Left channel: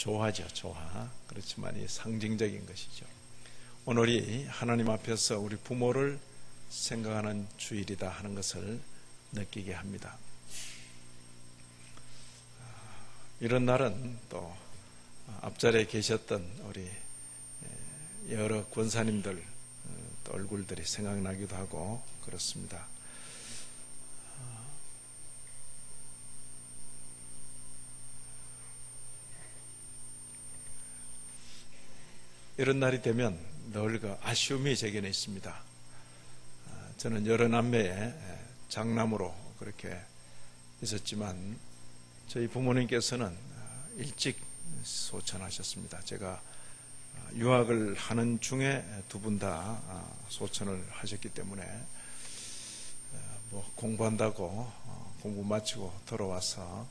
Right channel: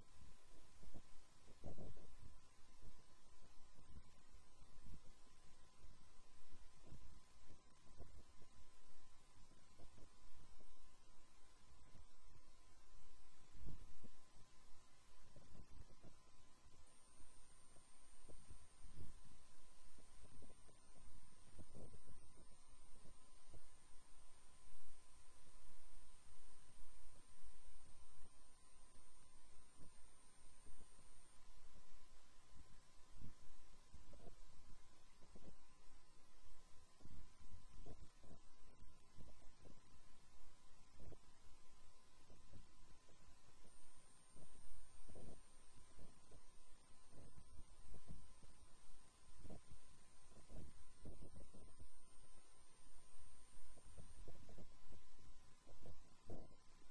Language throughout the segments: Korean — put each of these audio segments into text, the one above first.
조화죠, 조화. 그렇지만 이 상징적인 것이죠. 오늘이 하나님 앞에서 우리 부모를 생각하는 주일이다 하는 것을 느끼게 합니다. 이런 날은 또 앞자리에 계셨던 우리 여러 권사님들 또 얼굴들이 생각나기도 하고 그렇습니다. 이런 날이 되면 늘 그 아쉬움이 제게는 있습니다. 저는 여러 남매의 장남으로 그렇게 있었지만 저희 부모님께서는 일찍 소천하셨습니다. 제가 유학을 하는 중에 두 분 다 소천을 하셨기 때문에 공부한다고 공부 마치고 돌아와서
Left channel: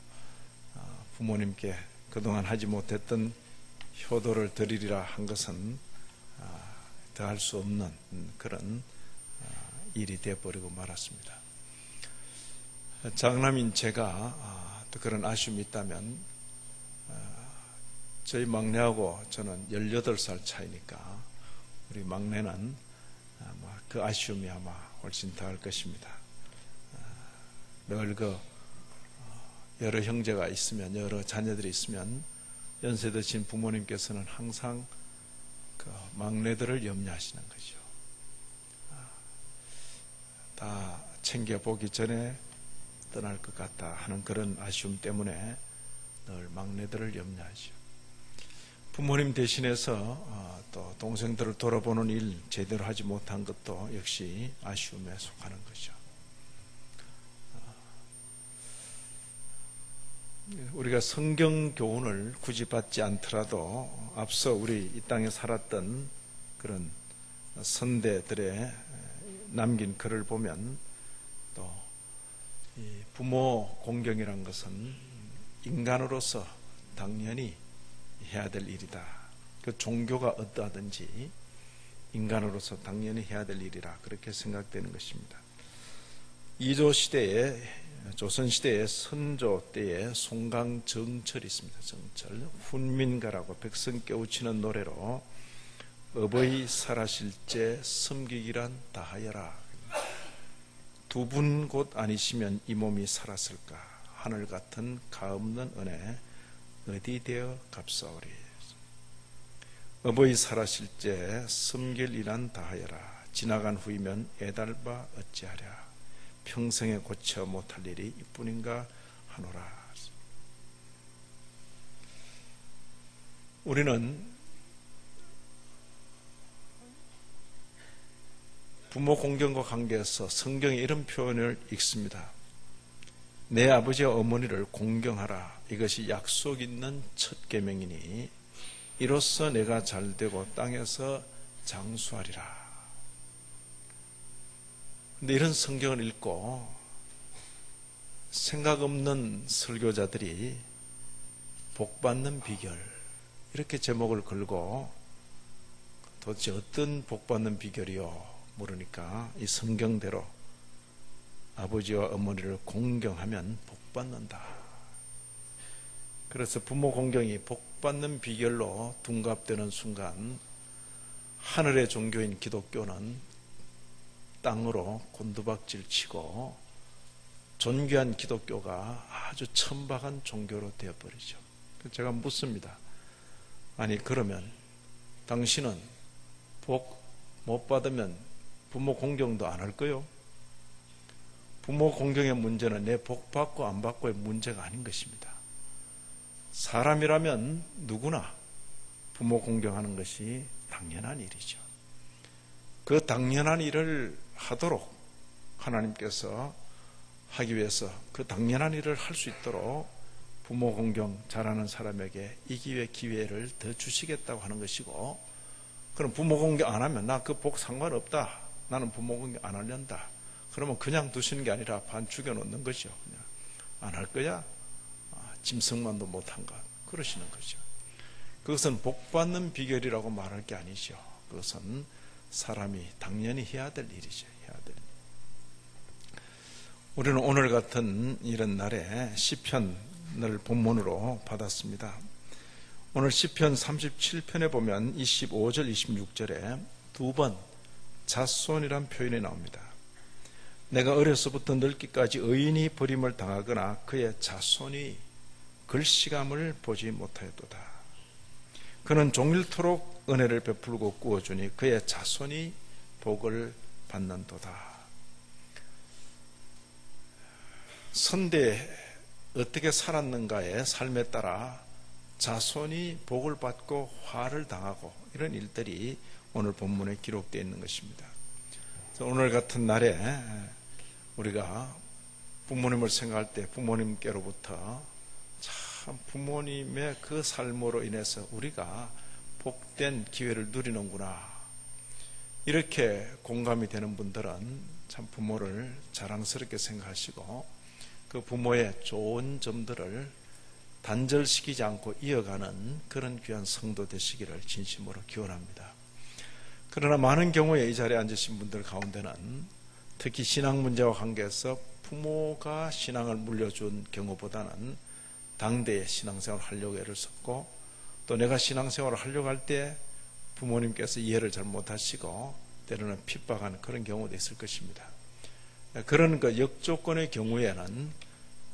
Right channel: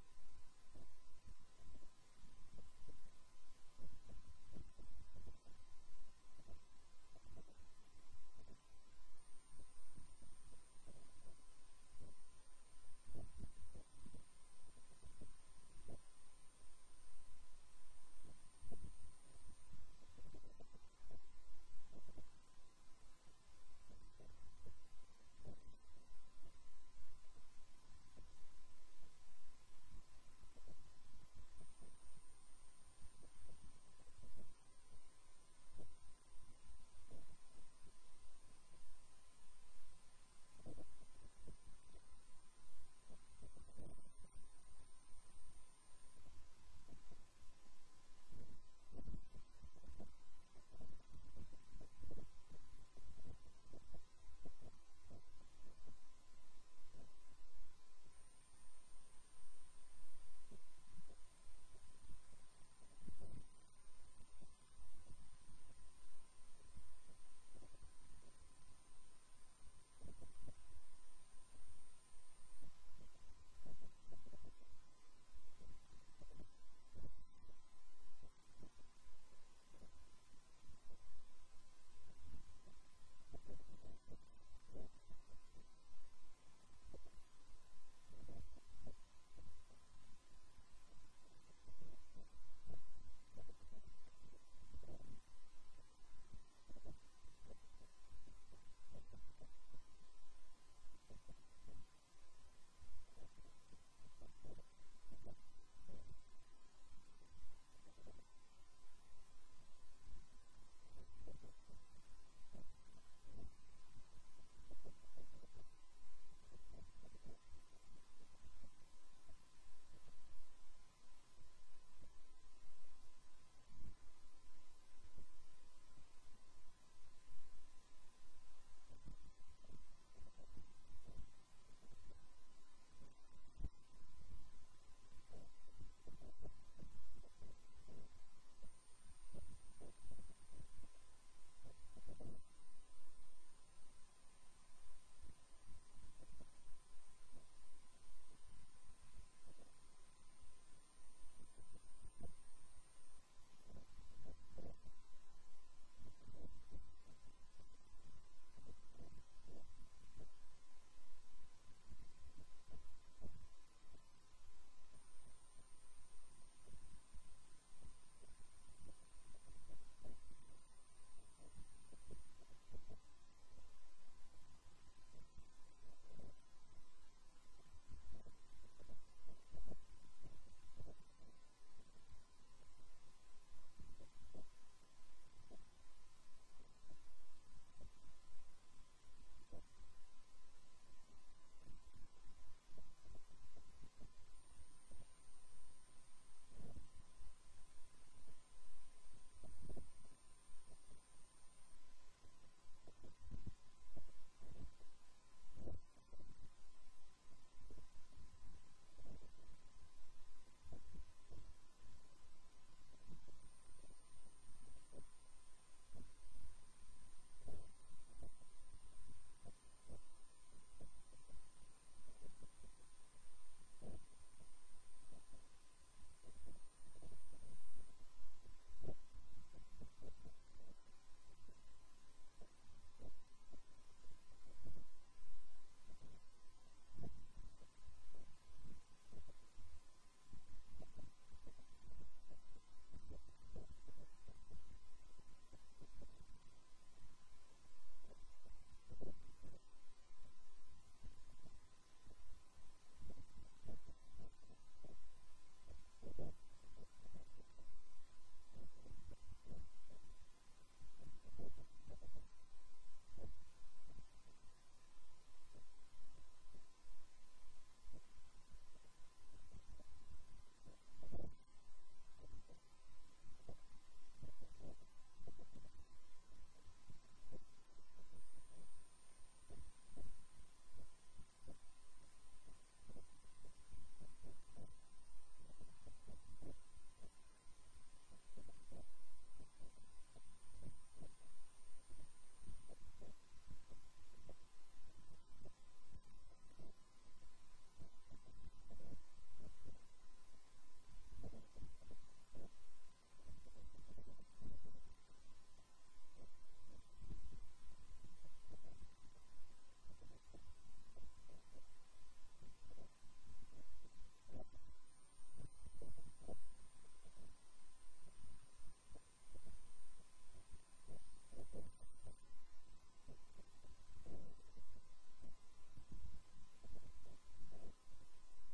부모님께 그동안 하지 못했던 효도를 드리리라 한 것은 더할 수 없는 그런 일이 되어버리고 말았습니다. 장남인 제가 또 그런 아쉬움이 있다면 저희 막내하고 저는 18살 차이니까 우리 막내는 아마 그 아쉬움이 아마 훨씬 더할 것입니다. 늘 여러 형제가 있으면, 여러 자녀들이 있으면 연세 드신 부모님께서는 항상 그 막내들을 염려하시는 거죠. 다 챙겨보기 전에 떠날 것 같다 하는 그런 아쉬움 때문에 늘 막내들을 염려하죠. 부모님 대신해서 또 동생들을 돌아보는 일 제대로 하지 못한 것도 역시 아쉬움에 속하는 거죠. 우리가 성경 교훈을 굳이 받지 않더라도 앞서 우리 이 땅에 살았던 그런 선대들의 남긴 글을 보면 또 이 부모 공경이란 것은 인간으로서 당연히 해야 될 일이다. 그 종교가 어떠하든지 인간으로서 당연히 해야 될 일이라 그렇게 생각되는 것입니다. 이조 시대에 조선시대의 선조 때에 송강정철이 있습니다. 정철 훈민가라고 백성 깨우치는 노래로 어버이 살아실제 섬기기란 다하여라. 두 분 곧 아니시면 이 몸이 살았을까. 하늘 같은 가없는 은혜 어디 되어 값사오리. 어버이 살아실제 섬길이란 다하여라. 지나간 후이면 애달바 어찌하랴. 평생에 고쳐 못할 일이 이뿐인가 하노라. 우리는 부모 공경과 관계에서 성경에 이런 표현을 읽습니다. 내 아버지와 어머니를 공경하라. 이것이 약속 있는 첫 계명이니 이로써 내가 잘되고 땅에서 장수하리라. 근데 이런 성경을 읽고 생각 없는 설교자들이 복받는 비결 이렇게 제목을 걸고 도대체 어떤 복받는 비결이요? 모르니까 이 성경대로 아버지와 어머니를 공경하면 복받는다. 그래서 부모 공경이 복받는 비결로 둔갑되는 순간 하늘의 종교인 기독교는 땅으로 곤두박질 치고 존귀한 기독교가 아주 천박한 종교로 되어버리죠. 제가 묻습니다. 아니 그러면 당신은 복 못 받으면 부모 공경도 안 할 거요? 부모 공경의 문제는 내 복 받고 안 받고의 문제가 아닌 것입니다. 사람이라면 누구나 부모 공경하는 것이 당연한 일이죠. 그 당연한 일을 하도록 하나님께서 하기 위해서 그 당연한 일을 할 수 있도록 부모 공경 잘하는 사람에게 이 기회를 더 주시겠다고 하는 것이고, 그럼 부모 공경 안 하면 나 그 복 상관없다. 나는 부모 공경 안 하련다. 그러면 그냥 두시는 게 아니라 반 죽여놓는 거죠. 그냥 안 할 거야? 짐승만도 못한 것. 그러시는 거죠. 그것은 복 받는 비결이라고 말할 게 아니죠. 그것은 사람이 당연히 해야 될 일이죠. 해야 될 일. 우리는 오늘 같은 이런 날에 시편을 본문으로 받았습니다. 오늘 시편 37편에 보면 25절, 26절에 두 번 자손이란 표현이 나옵니다. 내가 어려서부터 늙기까지 의인이 버림을 당하거나 그의 자손이 글씨감을 보지 못하였도다. 그는 종일토록 은혜를 베풀고 꾸어주니 그의 자손이 복을 받는도다. 선대에 어떻게 살았는가의 삶에 따라 자손이 복을 받고 화를 당하고 이런 일들이 오늘 본문에 기록되어 있는 것입니다. 오늘 같은 날에 우리가 부모님을 생각할 때 부모님께로부터 참 부모님의 그 삶으로 인해서 우리가 복된 기회를 누리는구나, 이렇게 공감이 되는 분들은 참 부모를 자랑스럽게 생각하시고 그 부모의 좋은 점들을 단절시키지 않고 이어가는 그런 귀한 성도 되시기를 진심으로 기원합니다. 그러나 많은 경우에 이 자리에 앉으신 분들 가운데는 특히 신앙 문제와 관계해서 부모가 신앙을 물려준 경우보다는 당대에 신앙생활을 하려고 애를 썼고, 또 내가 신앙생활을 하려고 할 때 부모님께서 이해를 잘 못하시고 때로는 핍박하는 그런 경우도 있을 것입니다. 그런 그 역조건의 경우에는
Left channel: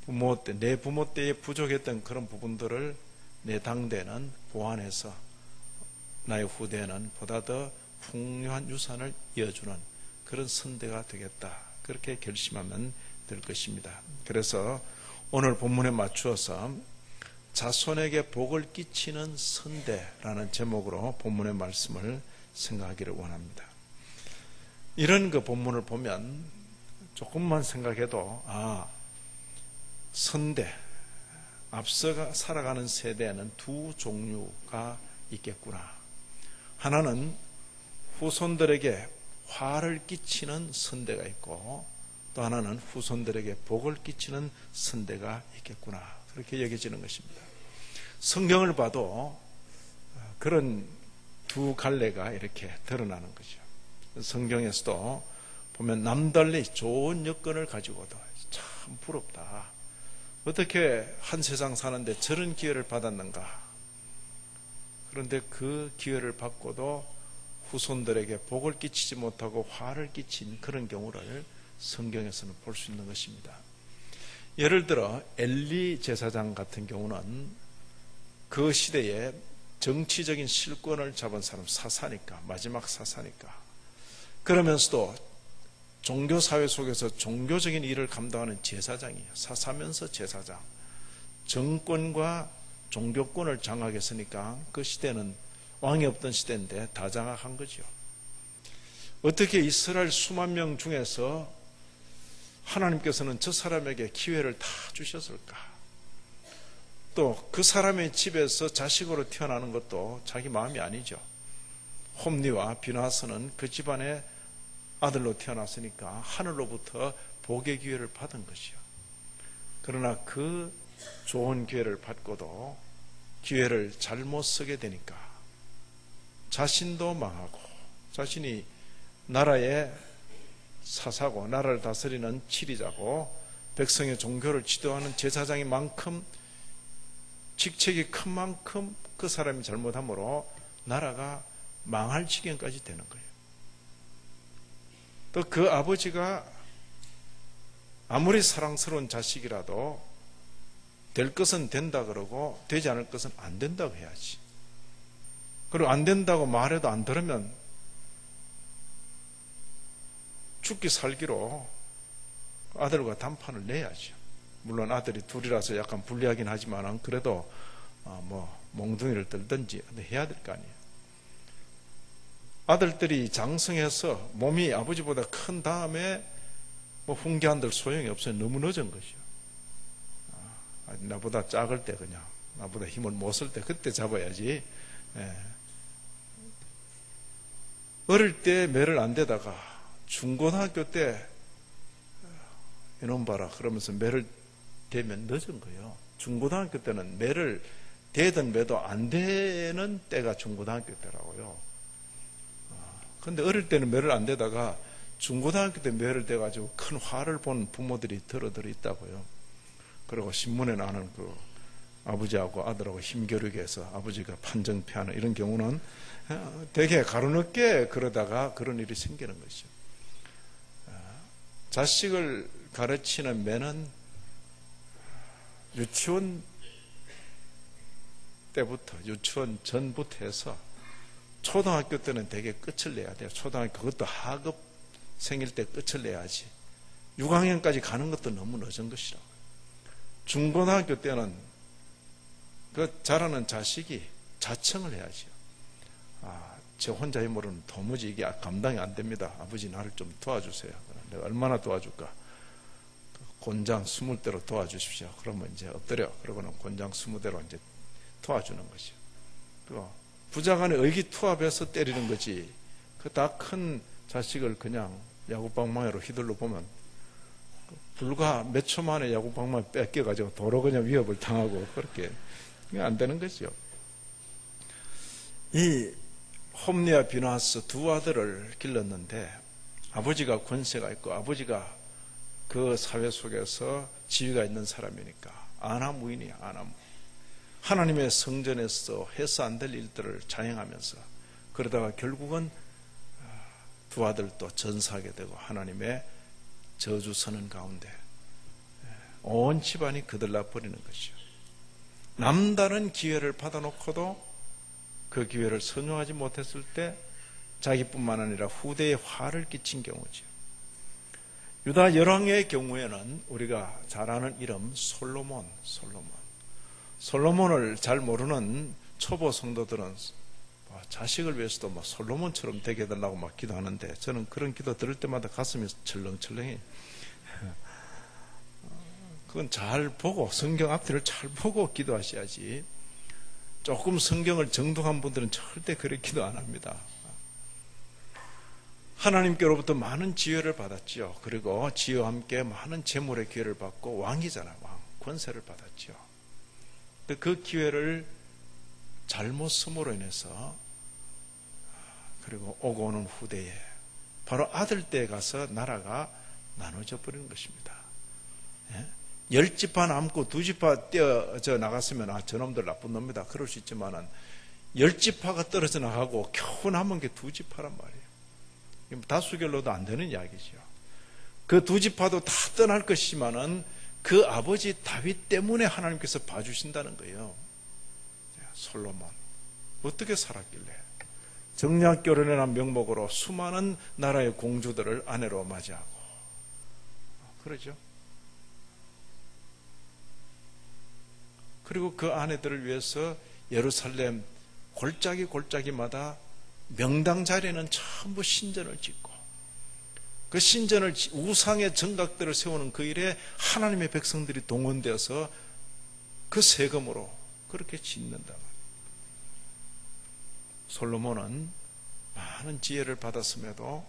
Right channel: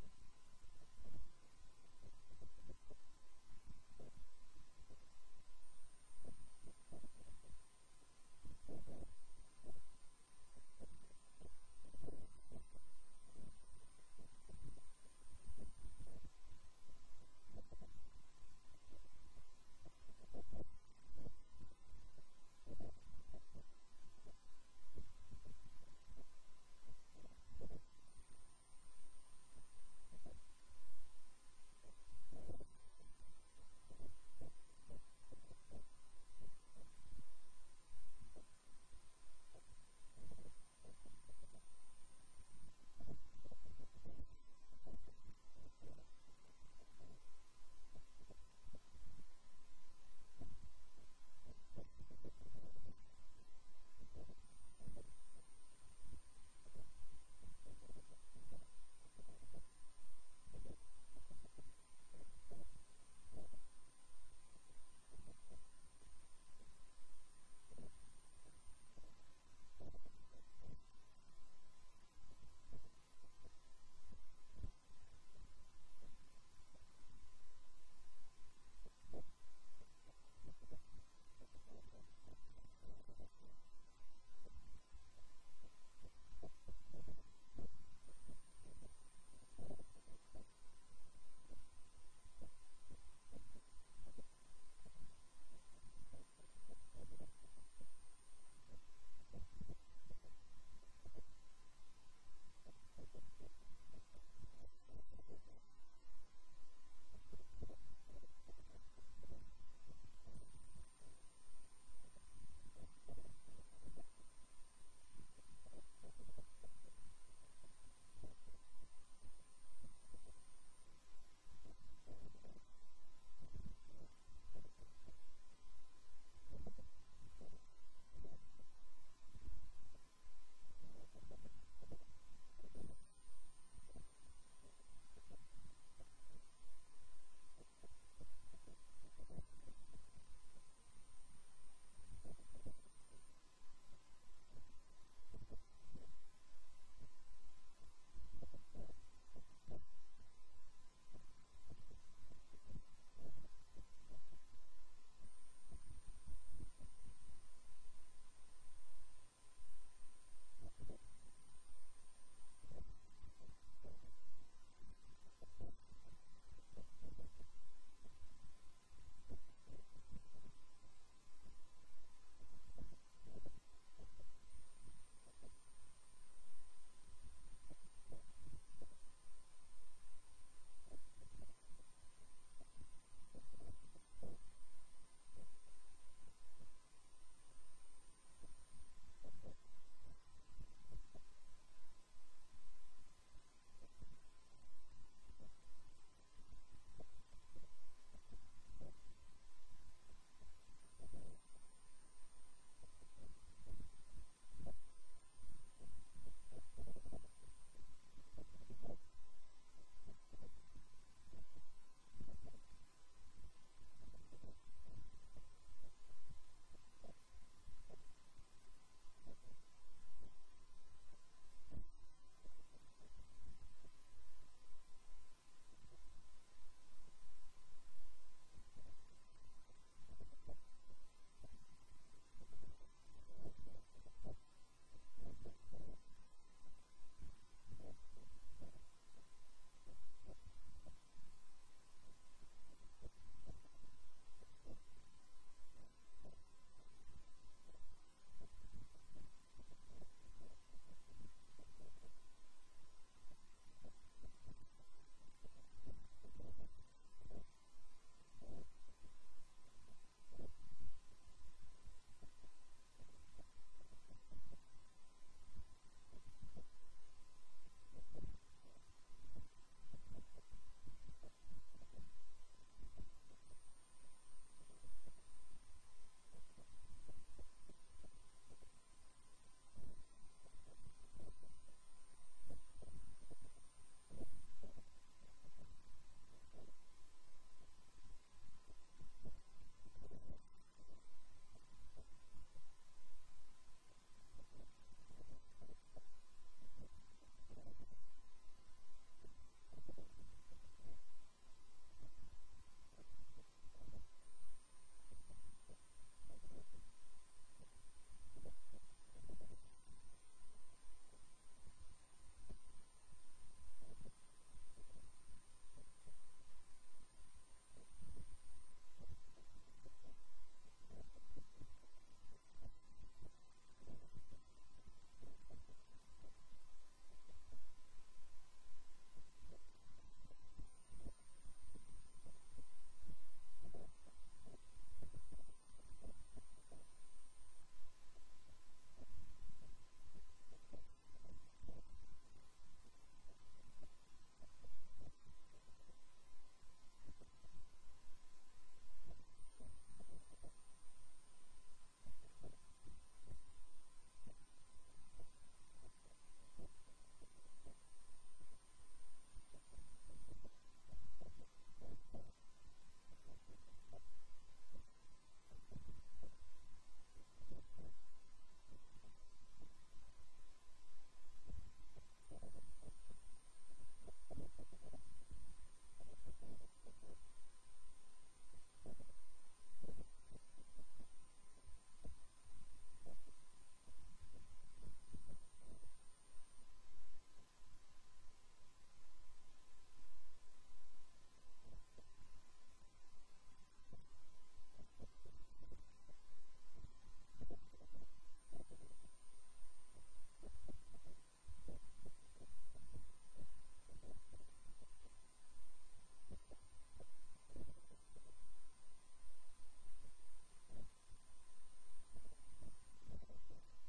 부모 때, 내 부모 때에 부족했던 그런 부분들을 내 당대는 보완해서 나의 후대에는 보다 더 풍요한 유산을 이어주는 그런 선대가 되겠다, 그렇게 결심하면 될 것입니다. 그래서 오늘 본문에 맞추어서 자손에게 복을 끼치는 선대라는 제목으로 본문의 말씀을 생각하기를 원합니다. 이런 그 본문을 보면 조금만 생각해도 선대, 앞서 살아가는 세대에는 두 종류가 있겠구나. 하나는 후손들에게 화를 끼치는 선대가 있고, 또 하나는 후손들에게 복을 끼치는 선대가 있겠구나, 그렇게 여겨지는 것입니다. 성경을 봐도 그런 두 갈래가 이렇게 드러나는 거죠. 성경에서도 보면 남달리 좋은 여건을 가지고도 참 부럽다, 어떻게 한 세상 사는데 저런 기회를 받았는가. 그런데 그 기회를 받고도 후손들에게 복을 끼치지 못하고 화를 끼친 그런 경우를 성경에서는 볼 수 있는 것입니다. 예를 들어 엘리 제사장 같은 경우는 그 시대에 정치적인 실권을 잡은 사람, 사사니까, 마지막 사사니까, 그러면서도 종교사회 속에서 종교적인 일을 감당하는 제사장이에요. 사사면서 제사장, 정권과 종교권을 장악했으니까 그 시대는 왕이 없던 시대인데 다 장악한 거죠. 어떻게 이스라엘 수만 명 중에서 하나님께서는 저 사람에게 기회를 다 주셨을까? 또 그 사람의 집에서 자식으로 태어나는 것도 자기 마음이 아니죠. 홈리와 비나스는 그 집안의 아들로 태어났으니까 하늘로부터 복의 기회를 받은 것이요. 그러나 그 좋은 기회를 받고도 기회를 잘못 쓰게 되니까 자신도 망하고, 자신이 나라의 사사고 나라를 다스리는 치리자고 백성의 종교를 지도하는 제사장인 만큼 직책이 큰 만큼 그 사람이 잘못함으로 나라가 망할 지경까지 되는 거예요. 또 그 아버지가 아무리 사랑스러운 자식이라도 될 것은 된다 그러고 되지 않을 것은 안 된다고 해야지. 그리고 안 된다고 말해도 안 들으면 죽기 살기로 아들과 단판을 내야죠. 물론 아들이 둘이라서 약간 불리하긴 하지만 그래도 몽둥이를 들든지 해야 될 거 아니에요. 아들들이 장성해서 몸이 아버지보다 큰 다음에 훈계한들 소용이 없어요. 너무 늦은 것이요. 나보다 작을 때, 그냥 나보다 힘을 못 쓸 때 그때 잡아야지. 어릴 때 매를 안 대다가 중고등학교 때 이놈 봐라 그러면서 매를 대면 늦은 거예요. 중고등학교 때는 매를 대든 매도 안 되는 때가 중고등학교 때라고요. 그런데 어릴 때는 매를 안 대다가 중고등학교 때 매를 대가지고 큰 화를 본 부모들이 들어 있다고요. 그리고 신문에 나는 그 아버지하고 아들하고 힘겨루게 해서 아버지가 판정패하는 이런 경우는 되게 가로늦게 그러다가 그런 일이 생기는 것이죠. 자식을 가르치는 매는 유치원 때부터, 유치원 전부터 해서 초등학교 때는 되게 끝을 내야 돼요. 초등학교, 그것도 하급 생일 때 끝을 내야지. 6학년까지 가는 것도 너무 늦은 것이라고. 중고등학교 때는 그 자라는 자식이 자청을 해야지요. 제 혼자 힘으로는 도무지 이게 감당이 안 됩니다. 아버지 나를 좀 도와주세요. 내가 얼마나 도와줄까? 곤장 20대로 도와주십시오. 그러면 이제 엎드려. 그러고는 곤장 20대로 이제 도와주는 거죠. 또 부자간의 의기투합해서 때리는 거지. 그 다 큰 자식을 그냥 야구방망이로 휘둘러 보면 불과 몇 초 만에 야구방망이 뺏겨가지고 도로 그냥 위협을 당하고 그렇게 안 되는 거죠. 이 홈리와 비나스 두 아들을 길렀는데 아버지가 권세가 있고 아버지가 그 사회 속에서 지위가 있는 사람이니까 안하무인이야. 안하무인. 하나님의 성전에서 해서 안 될 일들을 자행하면서 그러다가 결국은 두 아들도 전사하게 되고 하나님의 저주 서는 가운데 온 집안이 그들나 버리는 것이죠. 남다른 기회를 받아놓고도 그 기회를 선용하지 못했을 때 자기뿐만 아니라 후대에 화를 끼친 경우죠. 유다 열왕의 경우에는 우리가 잘 아는 이름 솔로몬을 잘 모르는 초보 성도들은 자식을 위해서도 솔로몬처럼 되게 해달라고 막 기도하는데 저는 그런 기도 들을 때마다 가슴이 철렁철렁해. 그건 잘 보고 성경 앞뒤를 잘 보고 기도하셔야지. 조금 성경을 정독한 분들은 절대 그렇게 기도 안 합니다. 하나님께로부터 많은 지혜를 받았지요. 그리고 지혜와 함께 많은 재물의 기회를 받고 왕이잖아요. 왕, 권세를 받았지요. 그 기회를 잘못 쓰므로 인해서 그리고 오고 오는 후대에 바로 아들 때에 가서 나라가 나눠져 버리는 것입니다. 10지파 남고 2지파 떼어져 나갔으면 저놈들 나쁜 놈이다 그럴 수 있지만은 10지파가 떨어져 나가고 겨우 남은 게 2지파란 말이에요. 다수결로도 안 되는 이야기죠. 그 2지파도 다 떠날 것이지만은 그 아버지 다윗 때문에 하나님께서 봐주신다는 거예요. 솔로몬 어떻게 살았길래 정략 결혼이라는 명목으로 수많은 나라의 공주들을 아내로 맞이하고 그러죠. 그리고 그 아내들을 위해서 예루살렘 골짜기마다 명당 자리에는 전부 신전을 짓고 그 신전을 우상의 정각들을 세우는 그 일에 하나님의 백성들이 동원되어서 그 세금으로 그렇게 짓는다. 솔로몬은 많은 지혜를 받았음에도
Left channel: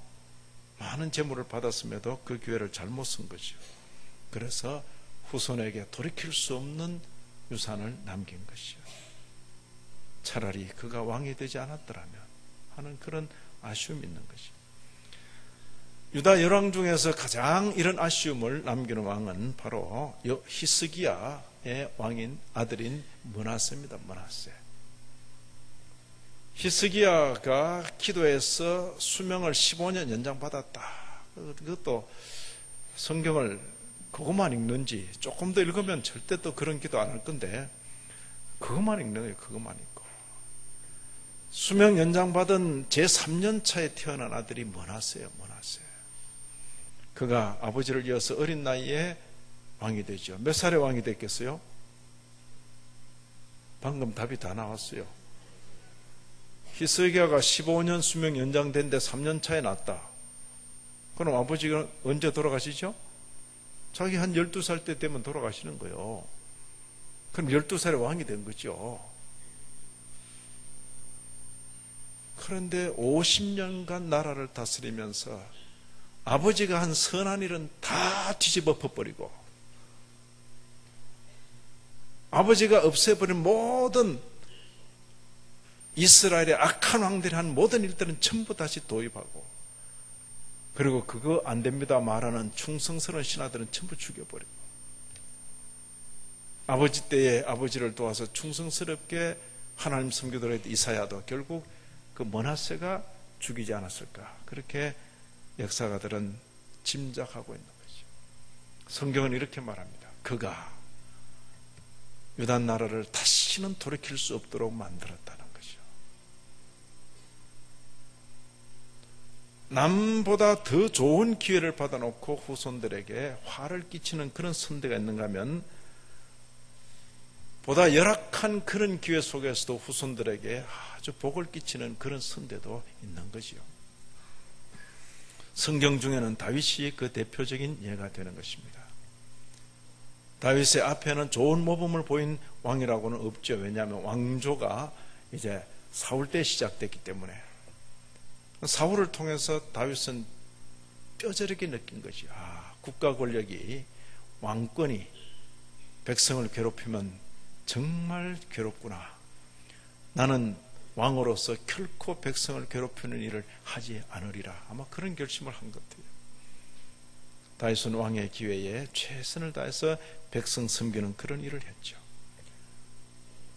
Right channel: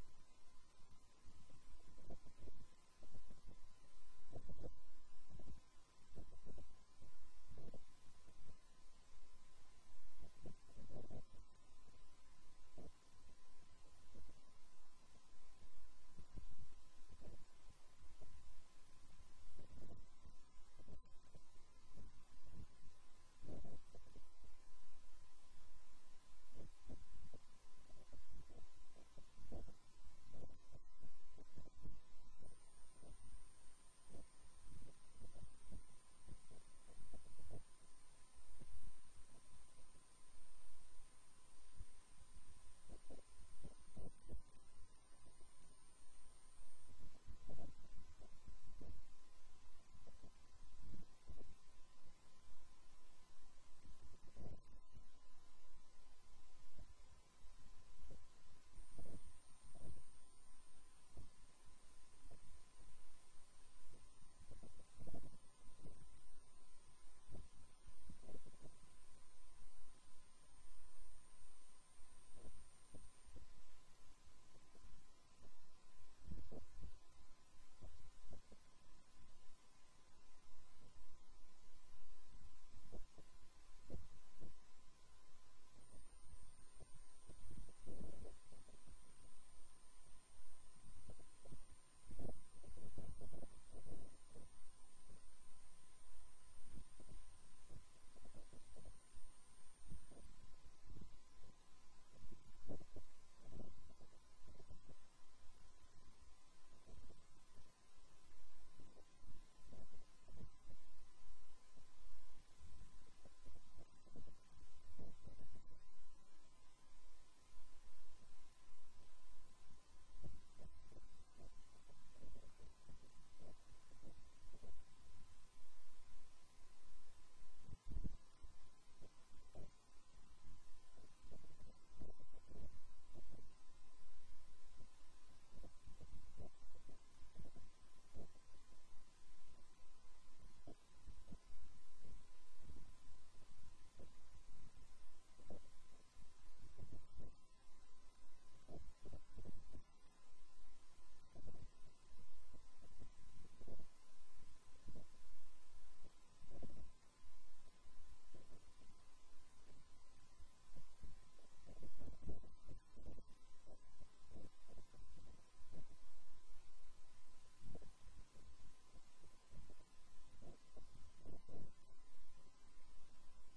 많은 재물을 받았음에도 그 기회를 잘못 쓴 거죠. 그래서 후손에게 돌이킬 수 없는 유산을 남긴 것이요. 차라리 그가 왕이 되지 않았더라면 하는 그런 아쉬움이 있는 것이요. 유다 열왕 중에서 가장 이런 아쉬움을 남기는 왕은 바로 히스기야의 왕인 아들인 므낫세입니다. 므낫세. 히스기야가 기도해서 수명을 15년 연장받았다. 그것도 성경을 그것만 읽는지 조금 더 읽으면 절대 또 그런 기도 안 할 건데 그것만 읽는 거예요. 그것만 읽고 수명 연장받은 제3년 차에 태어난 아들이 므낫세예요. 므낫세. 그가 아버지를 이어서 어린 나이에 왕이 되죠. 몇 살에 왕이 됐겠어요? 방금 답이 다 나왔어요. 히스기야가 15년 수명 연장된데 3년 차에 났다. 그럼 아버지가 언제 돌아가시죠? 자기 한 12살 때 되면 돌아가시는 거예요. 그럼 12살에 왕이 된 거죠. 그런데 50년간 나라를 다스리면서 아버지가 한 선한 일은 다 뒤집어 엎어버리고 아버지가 없애버린 모든 이스라엘의 악한 왕들이 한 모든 일들은 전부 다시 도입하고 그리고 그거 안 됩니다 말하는 충성스러운 신하들은 전부 죽여버리고 아버지 때에 아버지를 도와서 충성스럽게 하나님 섬기도록 했던 이사야도 결국 그 므낫세가 죽이지 않았을까, 그렇게 역사가들은 짐작하고 있는 거죠. 성경은 이렇게 말합니다. 그가 유다 나라를 다시는 돌이킬 수 없도록 만들었다는 거죠. 남보다 더 좋은 기회를 받아놓고 후손들에게 화를 끼치는 그런 선대가 있는가 하면, 보다 열악한 그런 기회 속에서도 후손들에게 아주 복을 끼치는 그런 선대도 있는 거지요. 성경 중에는 다윗이 그 대표적인 예가 되는 것입니다. 다윗의 앞에는 좋은 모범을 보인 왕이라고는 없죠. 왜냐하면 왕조가 이제 사울 때 시작됐기 때문에. 사울을 통해서 다윗은 뼈저리게 느낀 것이, 국가 권력이, 왕권이 백성을 괴롭히면 정말 괴롭구나. 나는 왕으로서 결코 백성을 괴롭히는 일을 하지 않으리라. 아마 그런 결심을 한 것 같아요. 다윗은 왕의 기회에 최선을 다해서 백성 섬기는 그런 일을 했죠.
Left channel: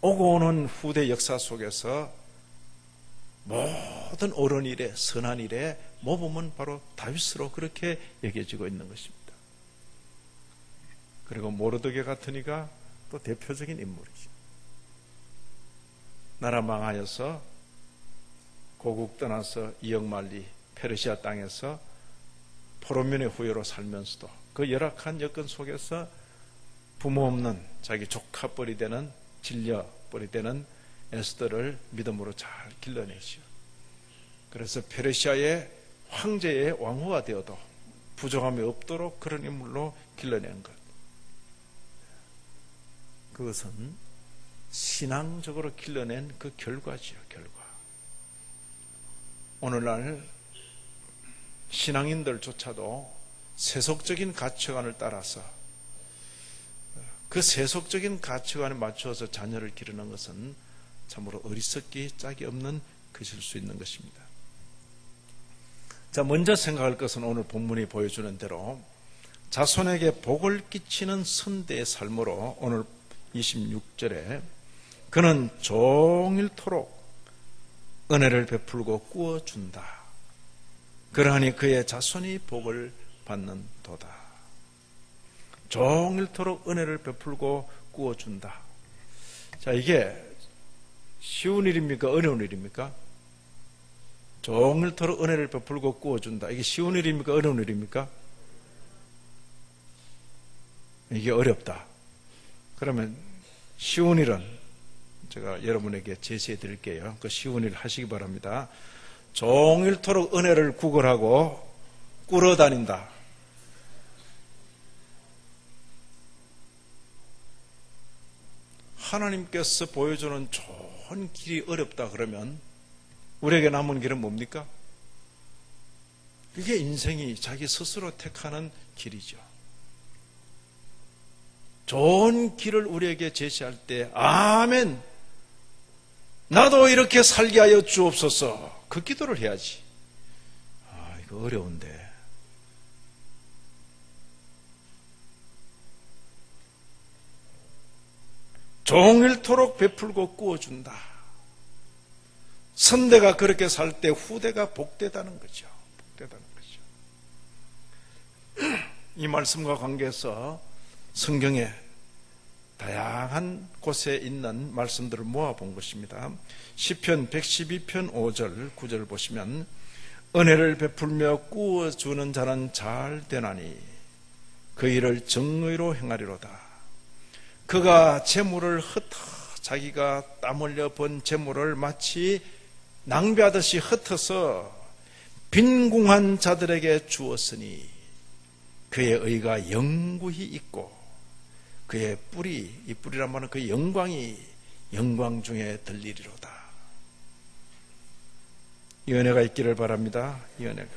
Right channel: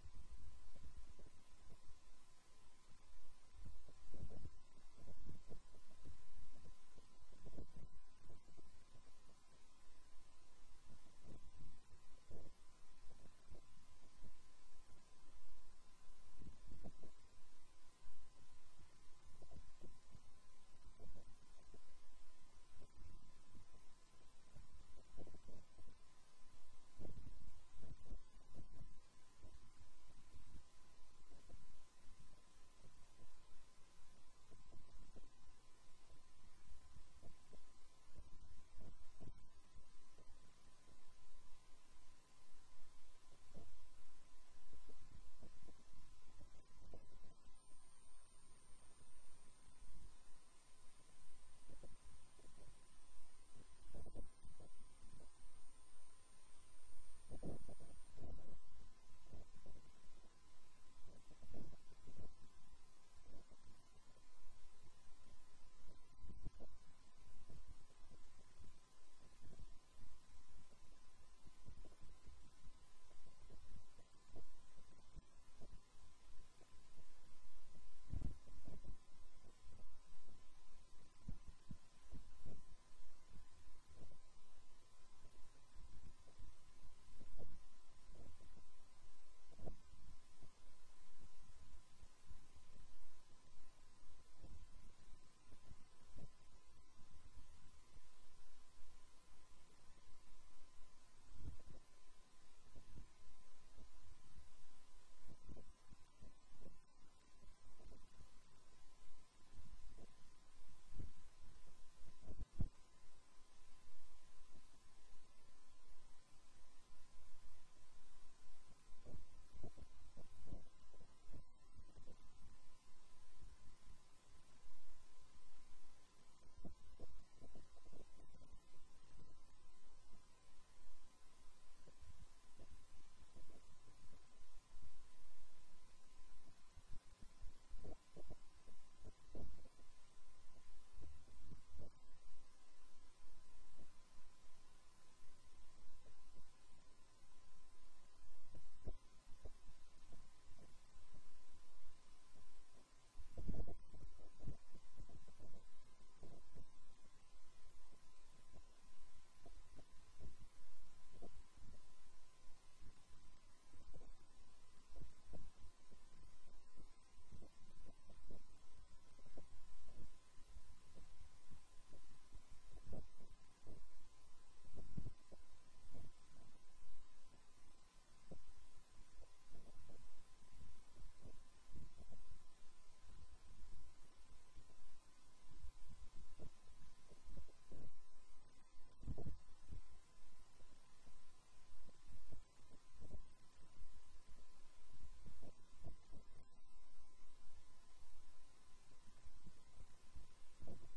오고 오는 후대 역사 속에서 모든 옳은 일에, 선한 일에 모범은 바로 다윗으로 그렇게 여겨지고 있는 것입니다. 그리고 모르드게 같은 이가 또 대표적인 인물이죠. 나라 망하여서 고국 떠나서 이역만리 페르시아 땅에서 포로민의 후예로 살면서도 그 열악한 여건 속에서 부모 없는 자기 조카뻘이 되는, 질려뻘이 되는 에스더를 믿음으로 잘 길러내시오. 그래서 페르시아의 황제의 왕후가 되어도 부족함이 없도록 그런 인물로 길러낸 것, 그것은 신앙적으로 길러낸 그 결과지요. 결과. 오늘날 신앙인들조차도 세속적인 가치관을 따라서 그 세속적인 가치관에 맞춰서 자녀를 기르는 것은 참으로 어리석기 짝이 없는 것일 수 있는 것입니다. 자, 먼저 생각할 것은 오늘 본문이 보여주는 대로 자손에게 복을 끼치는 선대의 삶으로, 오늘 26절에 그는 종일토록 은혜를 베풀고 꾸어준다. 그러하니 그의 자손이 복을 받는도다. 종일토록 은혜를 베풀고 꾸어준다. 자, 이게 쉬운 일입니까? 어려운 일입니까? 종일토록 은혜를 베풀고 꾸어준다. 이게 쉬운 일입니까? 어려운 일입니까? 이게 어렵다. 그러면 쉬운 일은 제가 여러분에게 제시해 드릴게요. 그 쉬운 일 하시기 바랍니다. 종일토록 은혜를 구걸하고 꿇어다닌다. 하나님께서 보여주는 좋은 길이 어렵다 그러면 우리에게 남은 길은 뭡니까? 그게 인생이 자기 스스로 택하는 길이죠. 좋은 길을 우리에게 제시할 때 아멘, 나도 이렇게 살게 하여 주옵소서, 그 기도를 해야지. 이거 어려운데. 종일토록 베풀고 꾸어준다. 선대가 그렇게 살 때 후대가 복되다는 거죠. 복되다는 거죠. 이 말씀과 관계해서 성경에 다양한 곳에 있는 말씀들을 모아본 것입니다. 시편 112편 5절 9절 보시면 은혜를 베풀며 꾸어주는 자는 잘 되나니 그 일을 정의로 행하리로다. 그가 재물을 자기가 땀 흘려 번 재물을 마치 낭비하듯이 흩어서 빈궁한 자들에게 주었으니 그의 의가 영구히 있고 그의 뿔이, 이 뿔이란 말은 그의 영광이 영광 중에 들리리로다. 이 은혜가 있기를 바랍니다. 이 은혜가.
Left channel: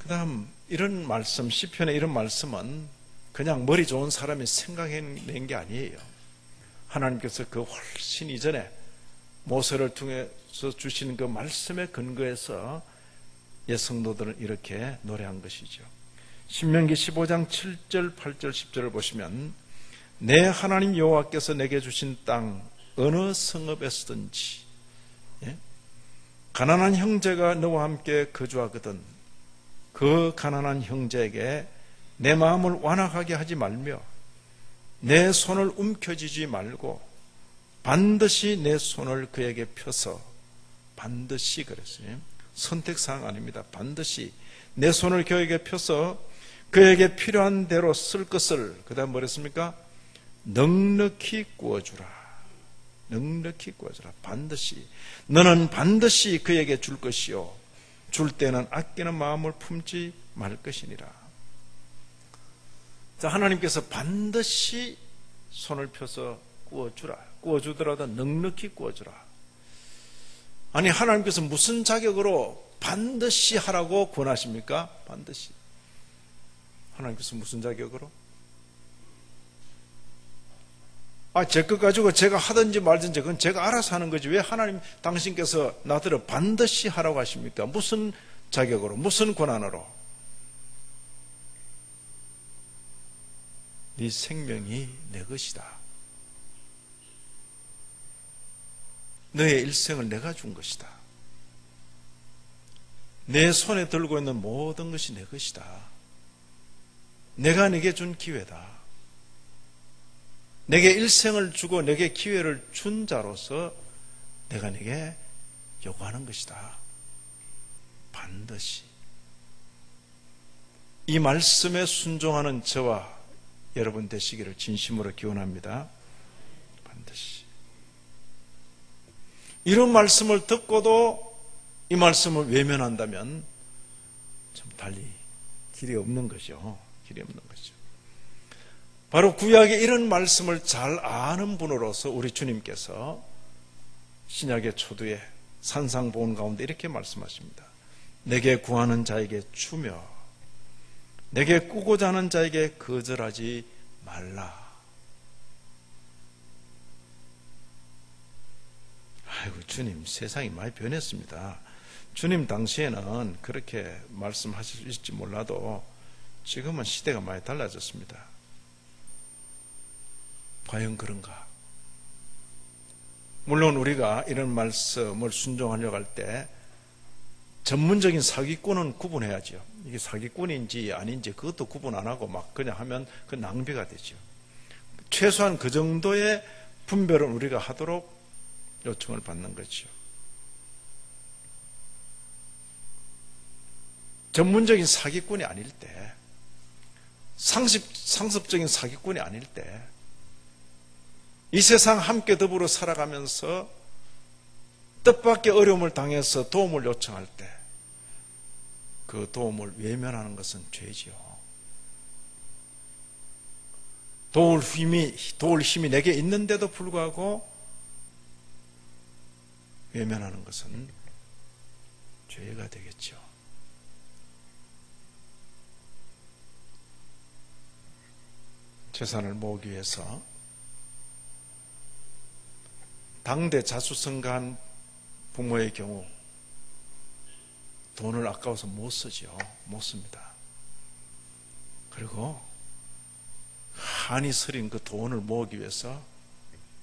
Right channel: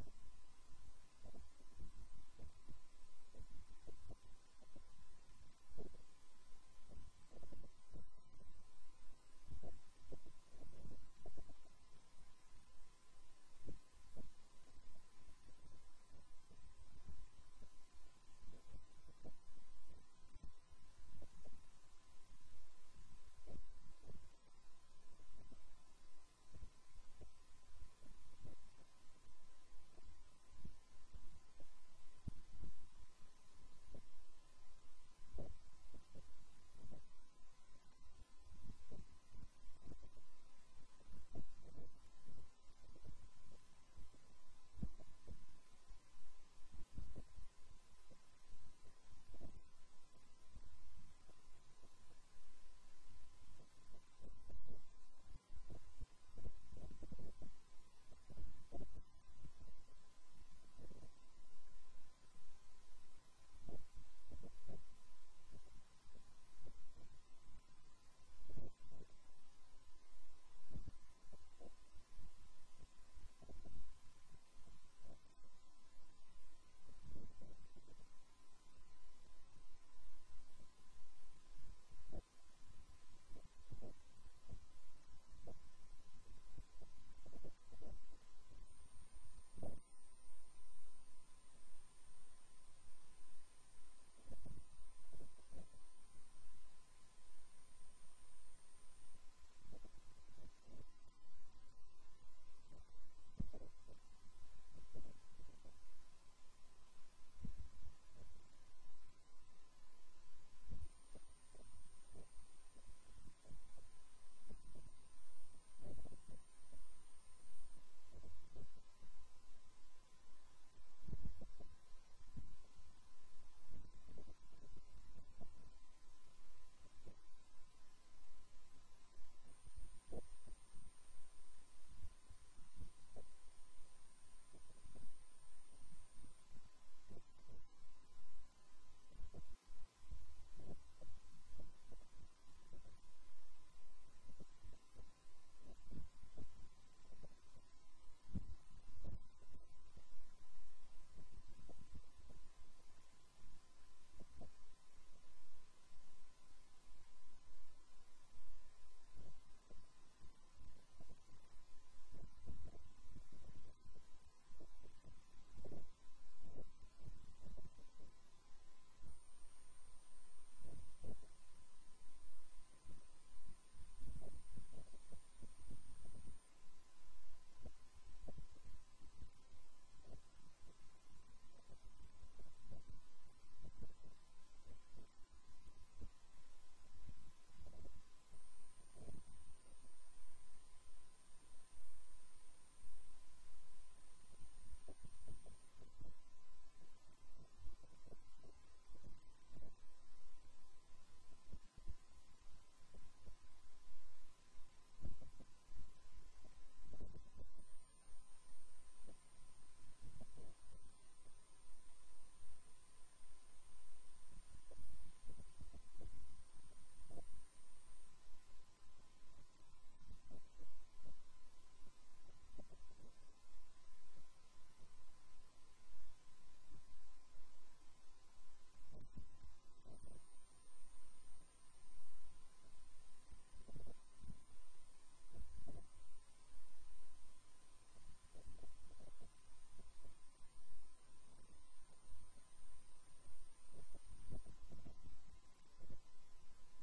그 다음 이런 말씀, 시편의 이런 말씀은 그냥 머리 좋은 사람이 생각해낸 게 아니에요. 하나님께서 그 훨씬 이전에 모세를 통해서 주신 그 말씀에 근거해서 옛 성도들은 이렇게 노래한 것이죠. 신명기 15장 7절, 8절, 10절을 보시면 내 하나님 여호와께서 내게 주신 땅 어느 성읍에서든지 가난한 형제가 너와 함께 거주하거든 그 가난한 형제에게 내 마음을 완악하게 하지 말며 내 손을 움켜쥐지 말고 반드시 내 손을 그에게 펴서 반드시 그랬어요. 선택사항 아닙니다. 반드시 내 손을 그에게 펴서 그에게 필요한 대로 쓸 것을 그 다음 뭐랬습니까? 넉넉히 구워주라. 넉넉히 구워주라. 반드시 너는 반드시 그에게 줄 것이요 줄 때는 아끼는 마음을 품지 말 것이니라. 자, 하나님께서 반드시 손을 펴서 구워주라. 구워주더라도 넉넉히 구워주라. 아니 하나님께서 무슨 자격으로 반드시 하라고 권하십니까? 반드시. 하나님께서 무슨 자격으로? 제 것 가지고 제가 하든지 말든지 그건 제가 알아서 하는 거지 왜 하나님 당신께서 나더러 반드시 하라고 하십니까? 무슨 자격으로? 무슨 권한으로? 네 생명이 내 것이다. 너의 일생을 내가 준 것이다. 내 손에 들고 있는 모든 것이 내 것이다. 내가 네게 준 기회다. 내게 일생을 주고 내게 기회를 준 자로서 내가 네게 요구하는 것이다. 반드시. 이 말씀에 순종하는 저와 여러분 되시기를 진심으로 기원합니다. 반드시. 이런 말씀을 듣고도 이 말씀을 외면한다면 좀 달리 길이 없는 거죠. 길이 없는 거죠. 바로 구약의 이런 말씀을 잘 아는 분으로서 우리 주님께서 신약의 초두에 산상보훈 가운데 이렇게 말씀하십니다. 내게 구하는 자에게 주며 내게 꾸고자 하는 자에게 거절하지 말라. 아이고 주님 세상이 많이 변했습니다. 주님 당시에는 그렇게 말씀하실지 몰라도 지금은 시대가 많이 달라졌습니다. 과연 그런가? 물론 우리가 이런 말씀을 순종하려고 할 때 전문적인 사기꾼은 구분해야죠. 이게 사기꾼인지 아닌지 그것도 구분 안 하고 막 그냥 하면 그 낭비가 되죠. 최소한 그 정도의 분별은 우리가 하도록 요청을 받는 거죠. 전문적인 사기꾼이 아닐 때, 상습적인 사기꾼이 아닐 때, 이 세상 함께 더불어 살아가면서 뜻밖의 어려움을 당해서 도움을 요청할 때 그 도움을 외면하는 것은 죄지요. 도울 힘이 내게 있는데도 불구하고 외면하는 것은 죄가 되겠죠. 재산을 모으기 위해서 당대 자수성가한 부모의 경우 돈을 아까워서 못 쓰죠. 못 씁니다. 그리고 한이 서린 그 돈을 모으기 위해서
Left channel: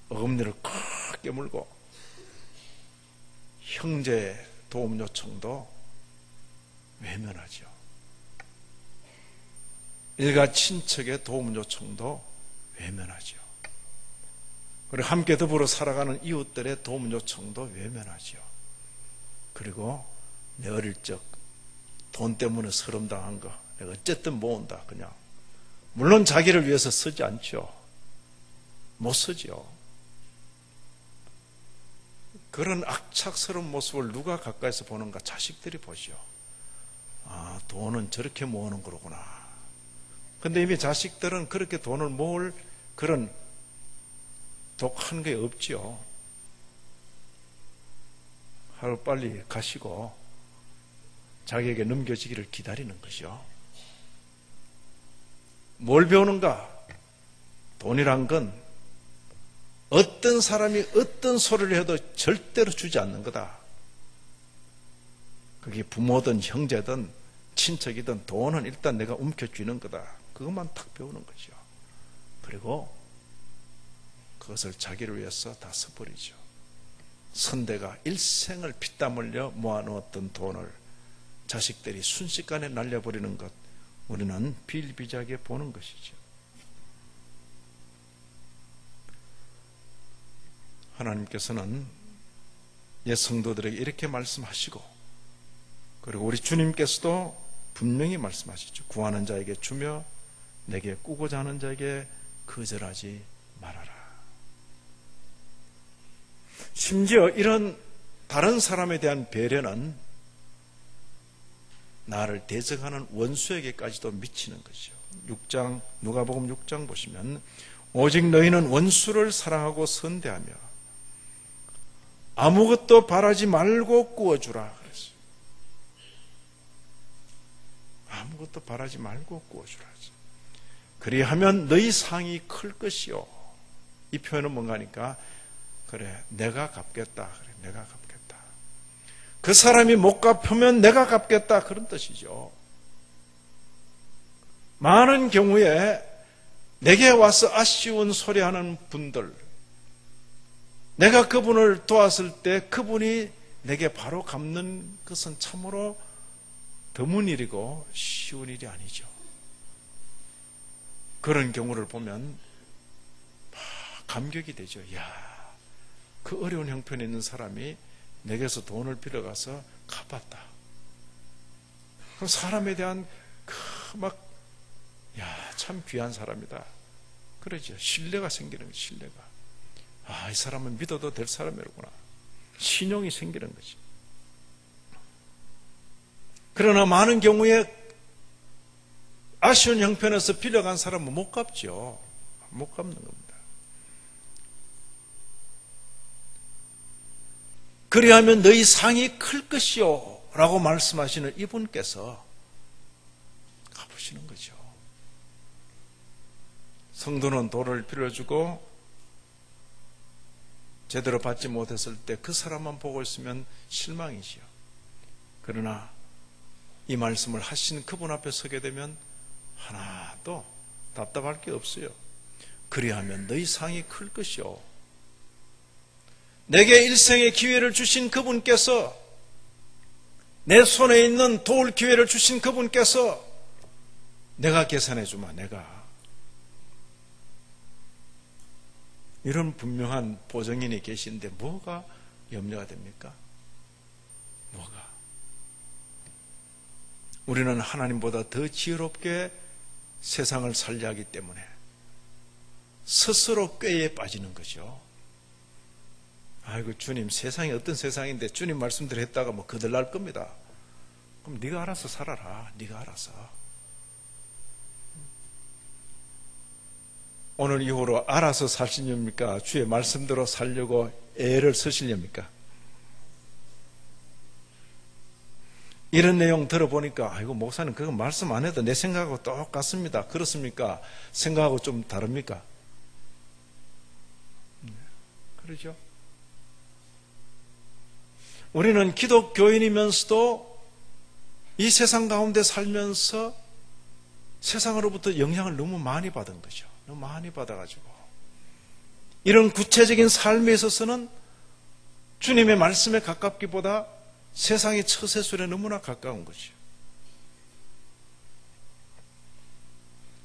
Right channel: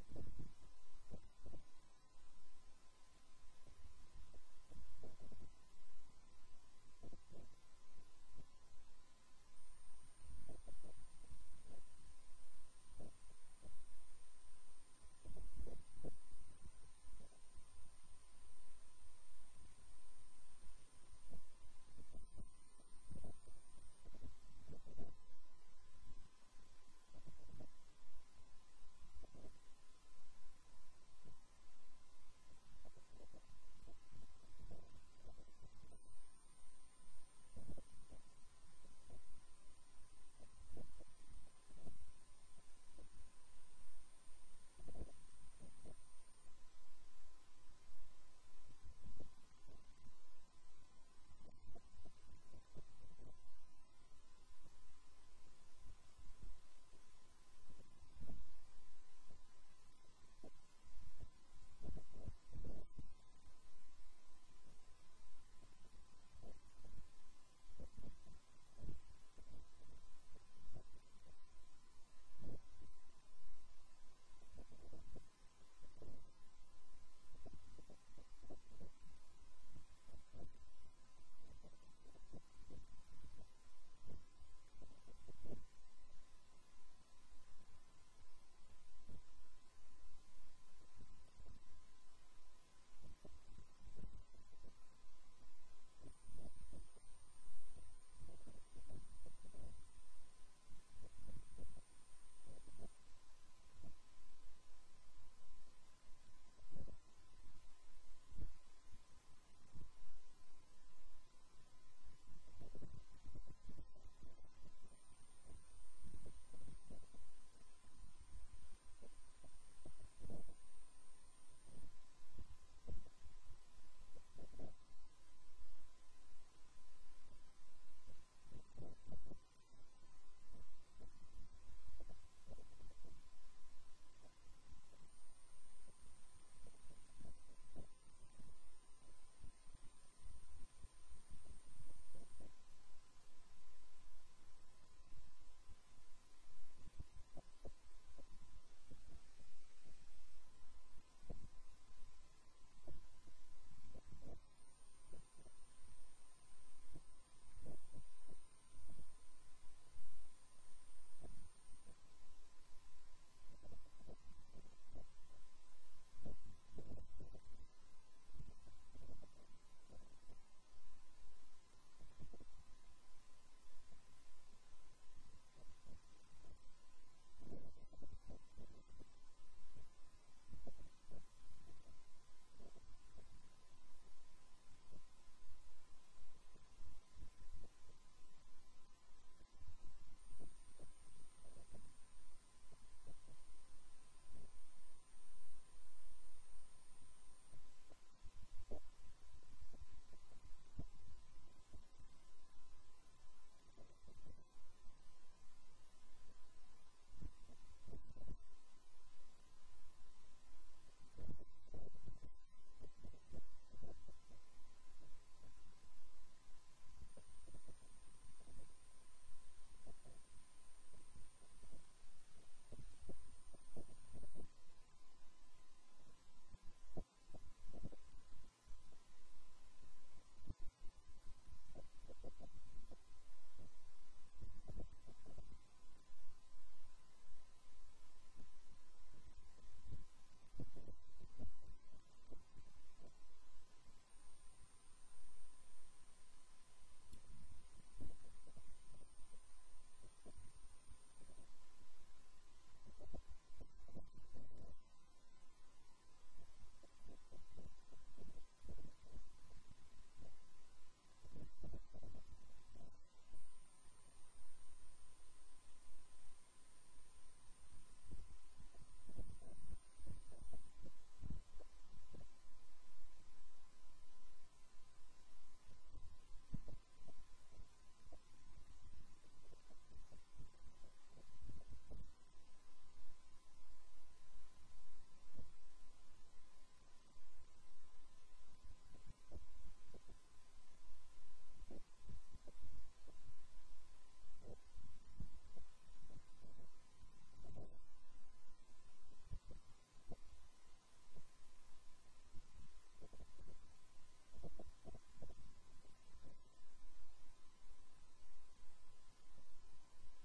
어금니를 크게 물고 형제의 도움 요청도 외면하죠. 일가 친척의 도움 요청도 외면하죠. 그리고 함께 더불어 살아가는 이웃들의 도움 요청도 외면하죠. 그리고 내 어릴 적 돈 때문에 서름당한 거 내가 어쨌든 모은다. 그냥 물론 자기를 위해서 쓰지 않죠. 못 쓰죠. 그런 악착스러운 모습을 누가 가까이서 보는가? 자식들이 보죠. 아, 돈은 저렇게 모으는 거구나. 근데 이미 자식들은 그렇게 돈을 모을 그런 독한 게 없지요. 하루 빨리 가시고 자기에게 넘겨지기를 기다리는 것이요. 뭘 배우는가? 돈이란 건 어떤 사람이 어떤 소리를 해도 절대로 주지 않는 거다. 그게 부모든 형제든 친척이든 돈은 일단 내가 움켜쥐는 거다. 그것만 탁 배우는 거죠. 그리고 그것을 자기를 위해서 다 써버리죠. 선대가 일생을 피땀 흘려 모아놓았던 돈을 자식들이 순식간에 날려버리는 것, 우리는 비일비재하게 보는 것이죠. 하나님께서는 옛 성도들에게 이렇게 말씀하시고, 그리고 우리 주님께서도 분명히 말씀하시죠. 구하는 자에게 주며 내게 꾸고자 하는 자에게 거절하지 말아라. 심지어 이런 다른 사람에 대한 배려는 나를 대적하는 원수에게까지도 미치는 것이죠. 6장, 누가복음 6장 보시면 오직 너희는 원수를 사랑하고 선대하며 아무것도 바라지 말고 구워주라 그랬어요. 아무것도 바라지 말고 구워주라. 그리하면 너희 상이 클 것이요. 이 표현은 뭔가 하니까, 그래 내가 갚겠다. 그래 내가 갚겠다. 그 사람이 못 갚으면 내가 갚겠다. 그런 뜻이죠. 많은 경우에 내게 와서 아쉬운 소리하는 분들, 내가 그분을 도왔을 때 그분이 내게 바로 갚는 것은 참으로 드문 일이고 쉬운 일이 아니죠. 그런 경우를 보면 감격이 되죠. 야, 그 어려운 형편에 있는 사람이 내게서 돈을 빌어가서 갚았다. 그럼 사람에 대한 참 귀한 사람이다. 그러죠. 신뢰가 생기는 거죠. 신뢰가. 이 사람은 믿어도 될 사람이구나. 신용이 생기는 거지. 그러나 많은 경우에 아쉬운 형편에서 빌려간 사람은 못 갚죠. 못 갚는 겁니다. 그리하면 너희 상이 클 것이요 라고 말씀하시는 이분께서 갚으시는 거죠. 성도는 돈을 빌려주고 제대로 받지 못했을 때 그 사람만 보고 있으면 실망이지요. 그러나 이 말씀을 하신 그분 앞에 서게 되면 하나도 답답할 게 없어요. 그리하면 너희 상이 클 것이요. 내게 일생의 기회를 주신 그분께서, 내 손에 있는 도울 기회를 주신 그분께서 내가 계산해 주마. 내가. 이런 분명한 보증인이 계신데 뭐가 염려가 됩니까? 뭐가? 우리는 하나님보다 더 지혜롭게 세상을 살려 하기 때문에 스스로 꾀에 빠지는 거죠. 아이고 주님, 세상이 어떤 세상인데 주님 말씀대로 했다가 뭐 거들날 겁니다. 그럼 네가 알아서 살아라. 네가 알아서. 오늘 이후로 알아서 사시렵니까? 주의 말씀대로 살려고 애를 쓰시렵니까? 이런 내용 들어보니까 아이고 목사님 그거 말씀 안 해도 내 생각하고 똑같습니다. 그렇습니까? 생각하고 좀 다릅니까? 그러죠? 우리는 기독교인이면서도 이 세상 가운데 살면서 세상으로부터 영향을 너무 많이 받은 거죠. 너무 많이 받아가지고 이런 구체적인 삶에 있어서는 주님의 말씀에 가깝기보다 세상의 처세술에 너무나 가까운 거죠.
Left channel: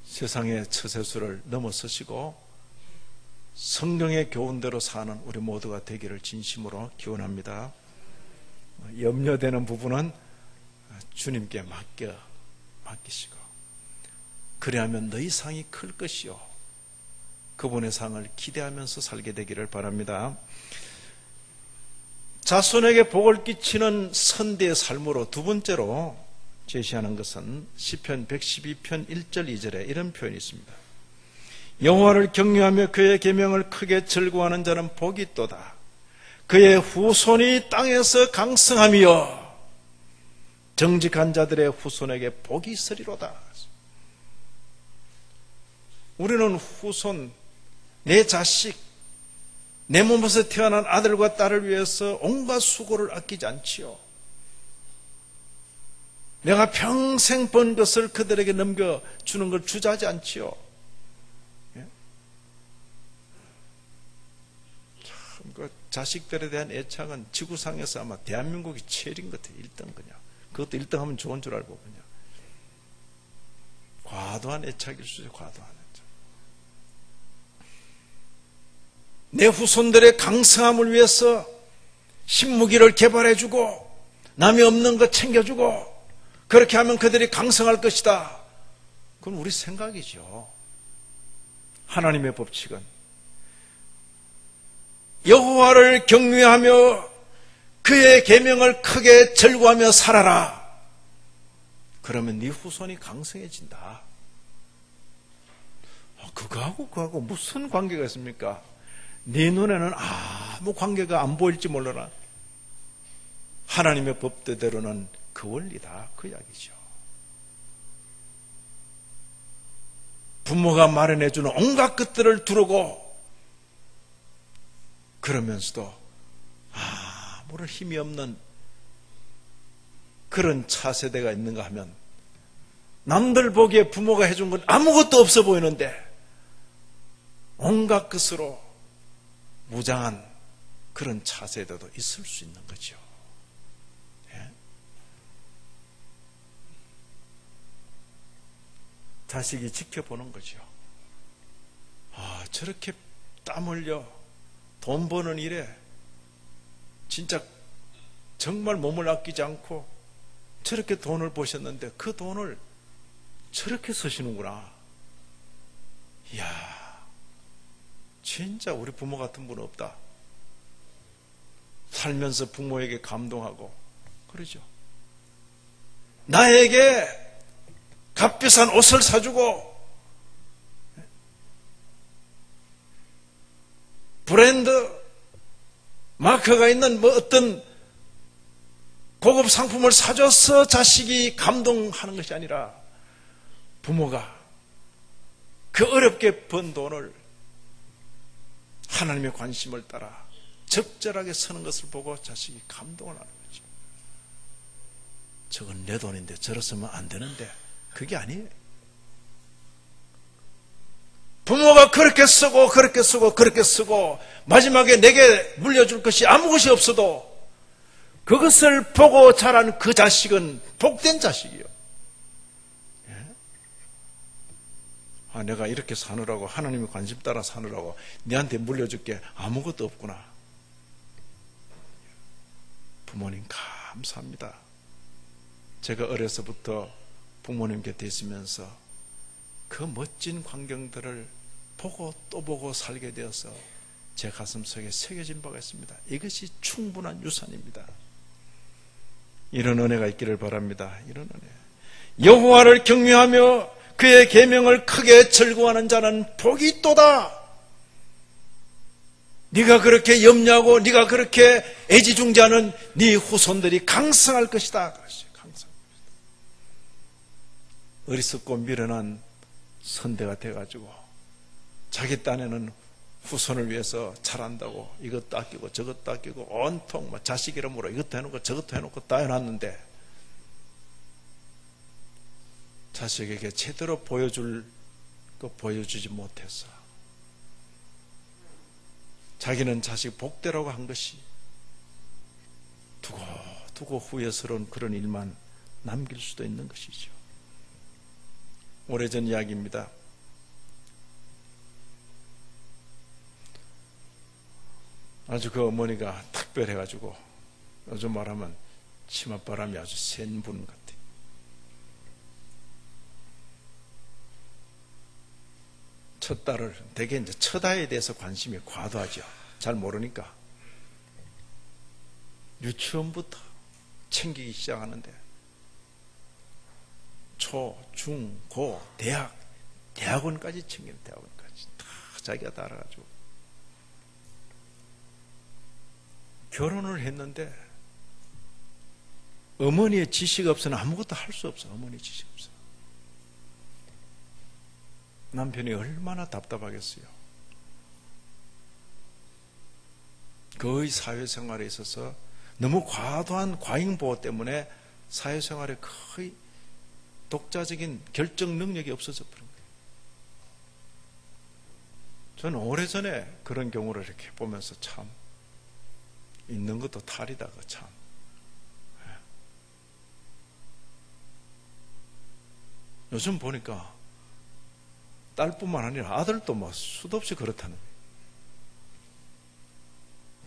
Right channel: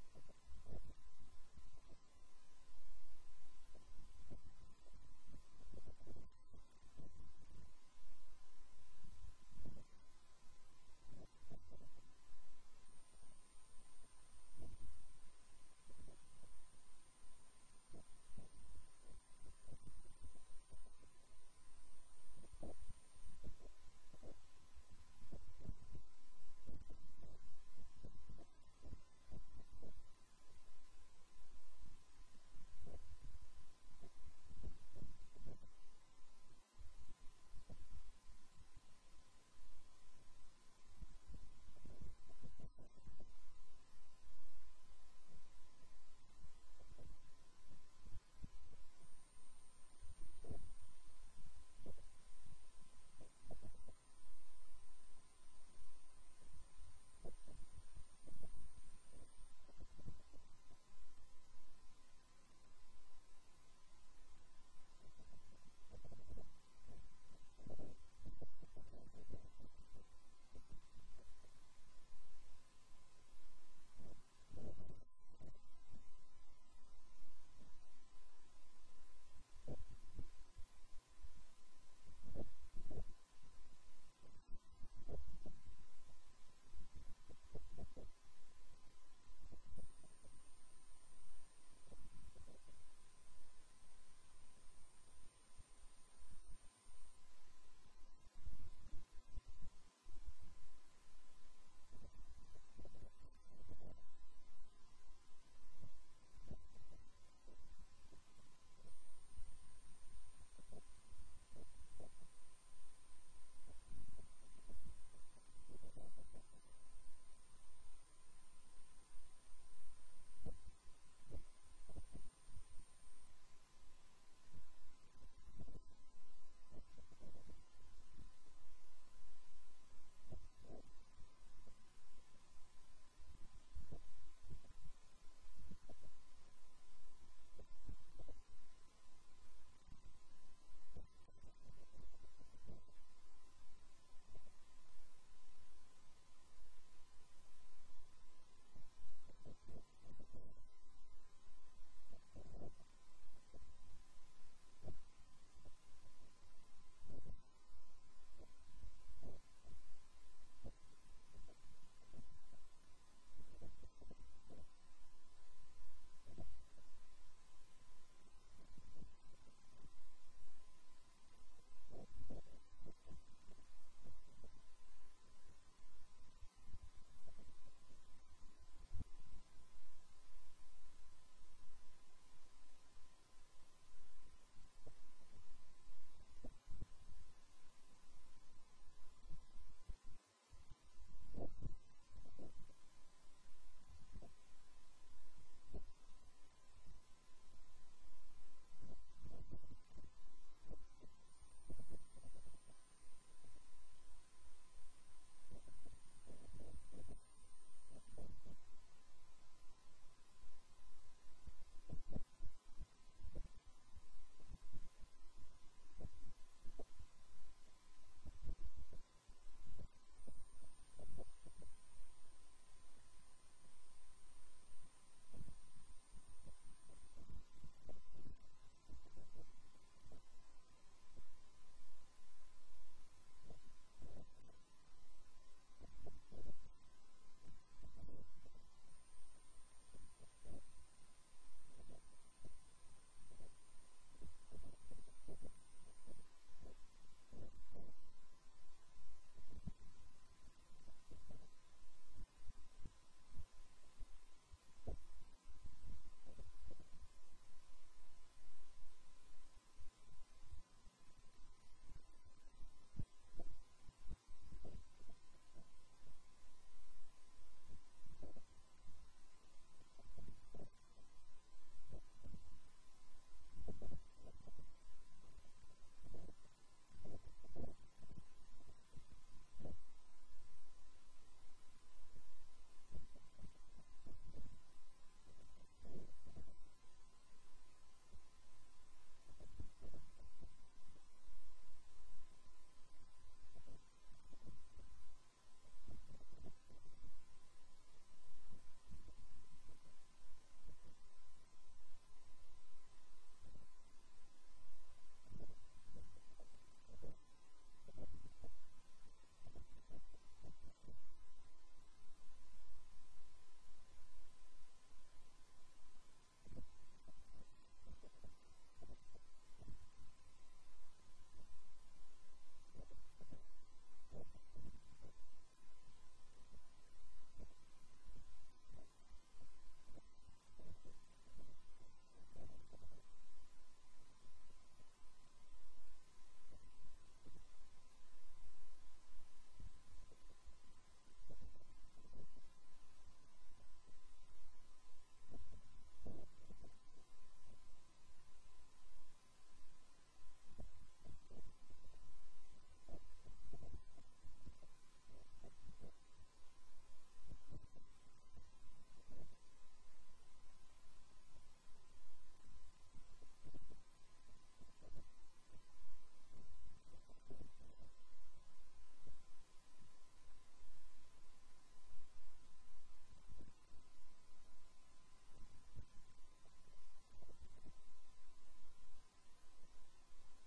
세상의 처세술을 넘어서시고 성령의 교훈대로 사는 우리 모두가 되기를 진심으로 기원합니다. 염려되는 부분은 주님께 맡기시고, 그리하면 너희 상이 클 것이요. 그분의 상을 기대하면서 살게 되기를 바랍니다. 자손에게 복을 끼치는 선대의 삶으로 두 번째로 제시하는 것은 시편 112편 1절 2절에 이런 표현이 있습니다. 여호와를 경외하며 그의 계명을 크게 즐거워하는 자는 복이 있도다. 그의 후손이 땅에서 강성하며 정직한 자들의 후손에게 복이 있으리로다. 우리는 후손, 내 자식, 내 몸에서 태어난 아들과 딸을 위해서 온갖 수고를 아끼지 않지요. 내가 평생 번 것을 그들에게 넘겨주는 걸 주저하지 않지요. 예? 참, 그 자식들에 대한 애착은 지구상에서 아마 대한민국이 제일인 것 같아요. 1등 그냥. 그것도 1등 하면 좋은 줄 알고 그냥. 과도한 애착일 수 있어요. 과도한 애착. 내 후손들의 강성함을 위해서 신무기를 개발해주고 남이 없는 것 챙겨주고 그렇게 하면 그들이 강성할 것이다. 그건 우리 생각이죠. 하나님의 법칙은 여호와를 경외하며 그의 계명을 크게 절구하며 살아라. 그러면 네 후손이 강성해진다. 그거하고 무슨 관계가 있습니까? 네 눈에는 아무 관계가 안 보일지 몰라라. 하나님의 법대로는 그 원리다. 그 이야기죠. 부모가 마련해주는 온갖 것들을 두르고 그러면서도 아무런 힘이 없는 그런 차세대가 있는가 하면 남들 보기에 부모가 해준 건 아무것도 없어 보이는데 온갖 것으로 무장한 그런 차세대도 있을 수 있는 거죠. 예? 자식이 지켜보는 거죠. 저렇게 땀 흘려 돈 버는 일에 진짜 정말 몸을 아끼지 않고 저렇게 돈을 버셨는데 그 돈을 저렇게 쓰시는구나. 이야, 진짜 우리 부모 같은 분 없다. 살면서 부모에게 감동하고 그러죠. 나에게 값비싼 옷을 사주고 브랜드 마크가 있는 어떤 고급 상품을 사줘서 자식이 감동하는 것이 아니라 부모가 그 어렵게 번 돈을 하나님의 관심을 따라 적절하게 쓰는 것을 보고 자식이 감동을 하는 거죠. 저건 내 돈인데 저러 쓰면 안 되는데 그게 아니에요. 부모가 그렇게 쓰고 그렇게 쓰고 그렇게 쓰고 마지막에 내게 물려줄 것이 아무 것이 없어도 그것을 보고 자란 그 자식은 복된 자식이요. 내가 이렇게 사느라고 하나님의 관심 따라 사느라고 네한테 물려줄 게 아무것도 없구나. 부모님 감사합니다. 제가 어려서부터 부모님 곁에 있으면서 그 멋진 광경들을 보고 또 보고 살게 되어서 제 가슴속에 새겨진 바가 있습니다. 이것이 충분한 유산입니다. 이런 은혜가 있기를 바랍니다. 이런 은혜. 여호와를 경외하며 그의 계명을 크게 즐거워하는 자는 복이 있도다. 네가 그렇게 염려하고 네가 그렇게 애지중지하는 네 후손들이 강성할 것이다. 강성. 어리석고 미련한 선대가 돼가지고 자기 딴에는 후손을 위해서 잘한다고 이것도 아끼고 저것도 아끼고 온통 자식 이름으로 이것도 해놓고 저것도 해놓고 다 해놨는데 자식에게 제대로 보여줄 거 보여주지 못해서 자기는 자식 복되라고 한 것이 두고 후회스러운 그런 일만 남길 수도 있는 것이죠. 오래전 이야기입니다. 아주 그 어머니가 특별해가지고 요즘 말하면 치맛바람이 아주 센 분 같아요. 첫 딸을 대개 이제 첫아이에 대해서 관심이 과도하죠. 잘 모르니까 유치원부터 챙기기 시작하는데 초, 중, 고, 대학원까지 챙기는 대학원까지 다 자기가 다 알아가지고 결혼을 했는데 어머니의 지식 없어는 아무것도 할 수 없어. 어머니 지식 없어. 남편이 얼마나 답답하겠어요. 그의 사회생활에 있어서 너무 과도한 과잉보호 때문에 사회생활에 거의 독자적인 결정 능력이 없어져 버린 거예요. 저는 오래전에 그런 경우를 이렇게 보면서 참 있는 것도 탈이다. 참. 요즘 보니까 딸뿐만 아니라 아들도 뭐 수도 없이 그렇다는 거예요.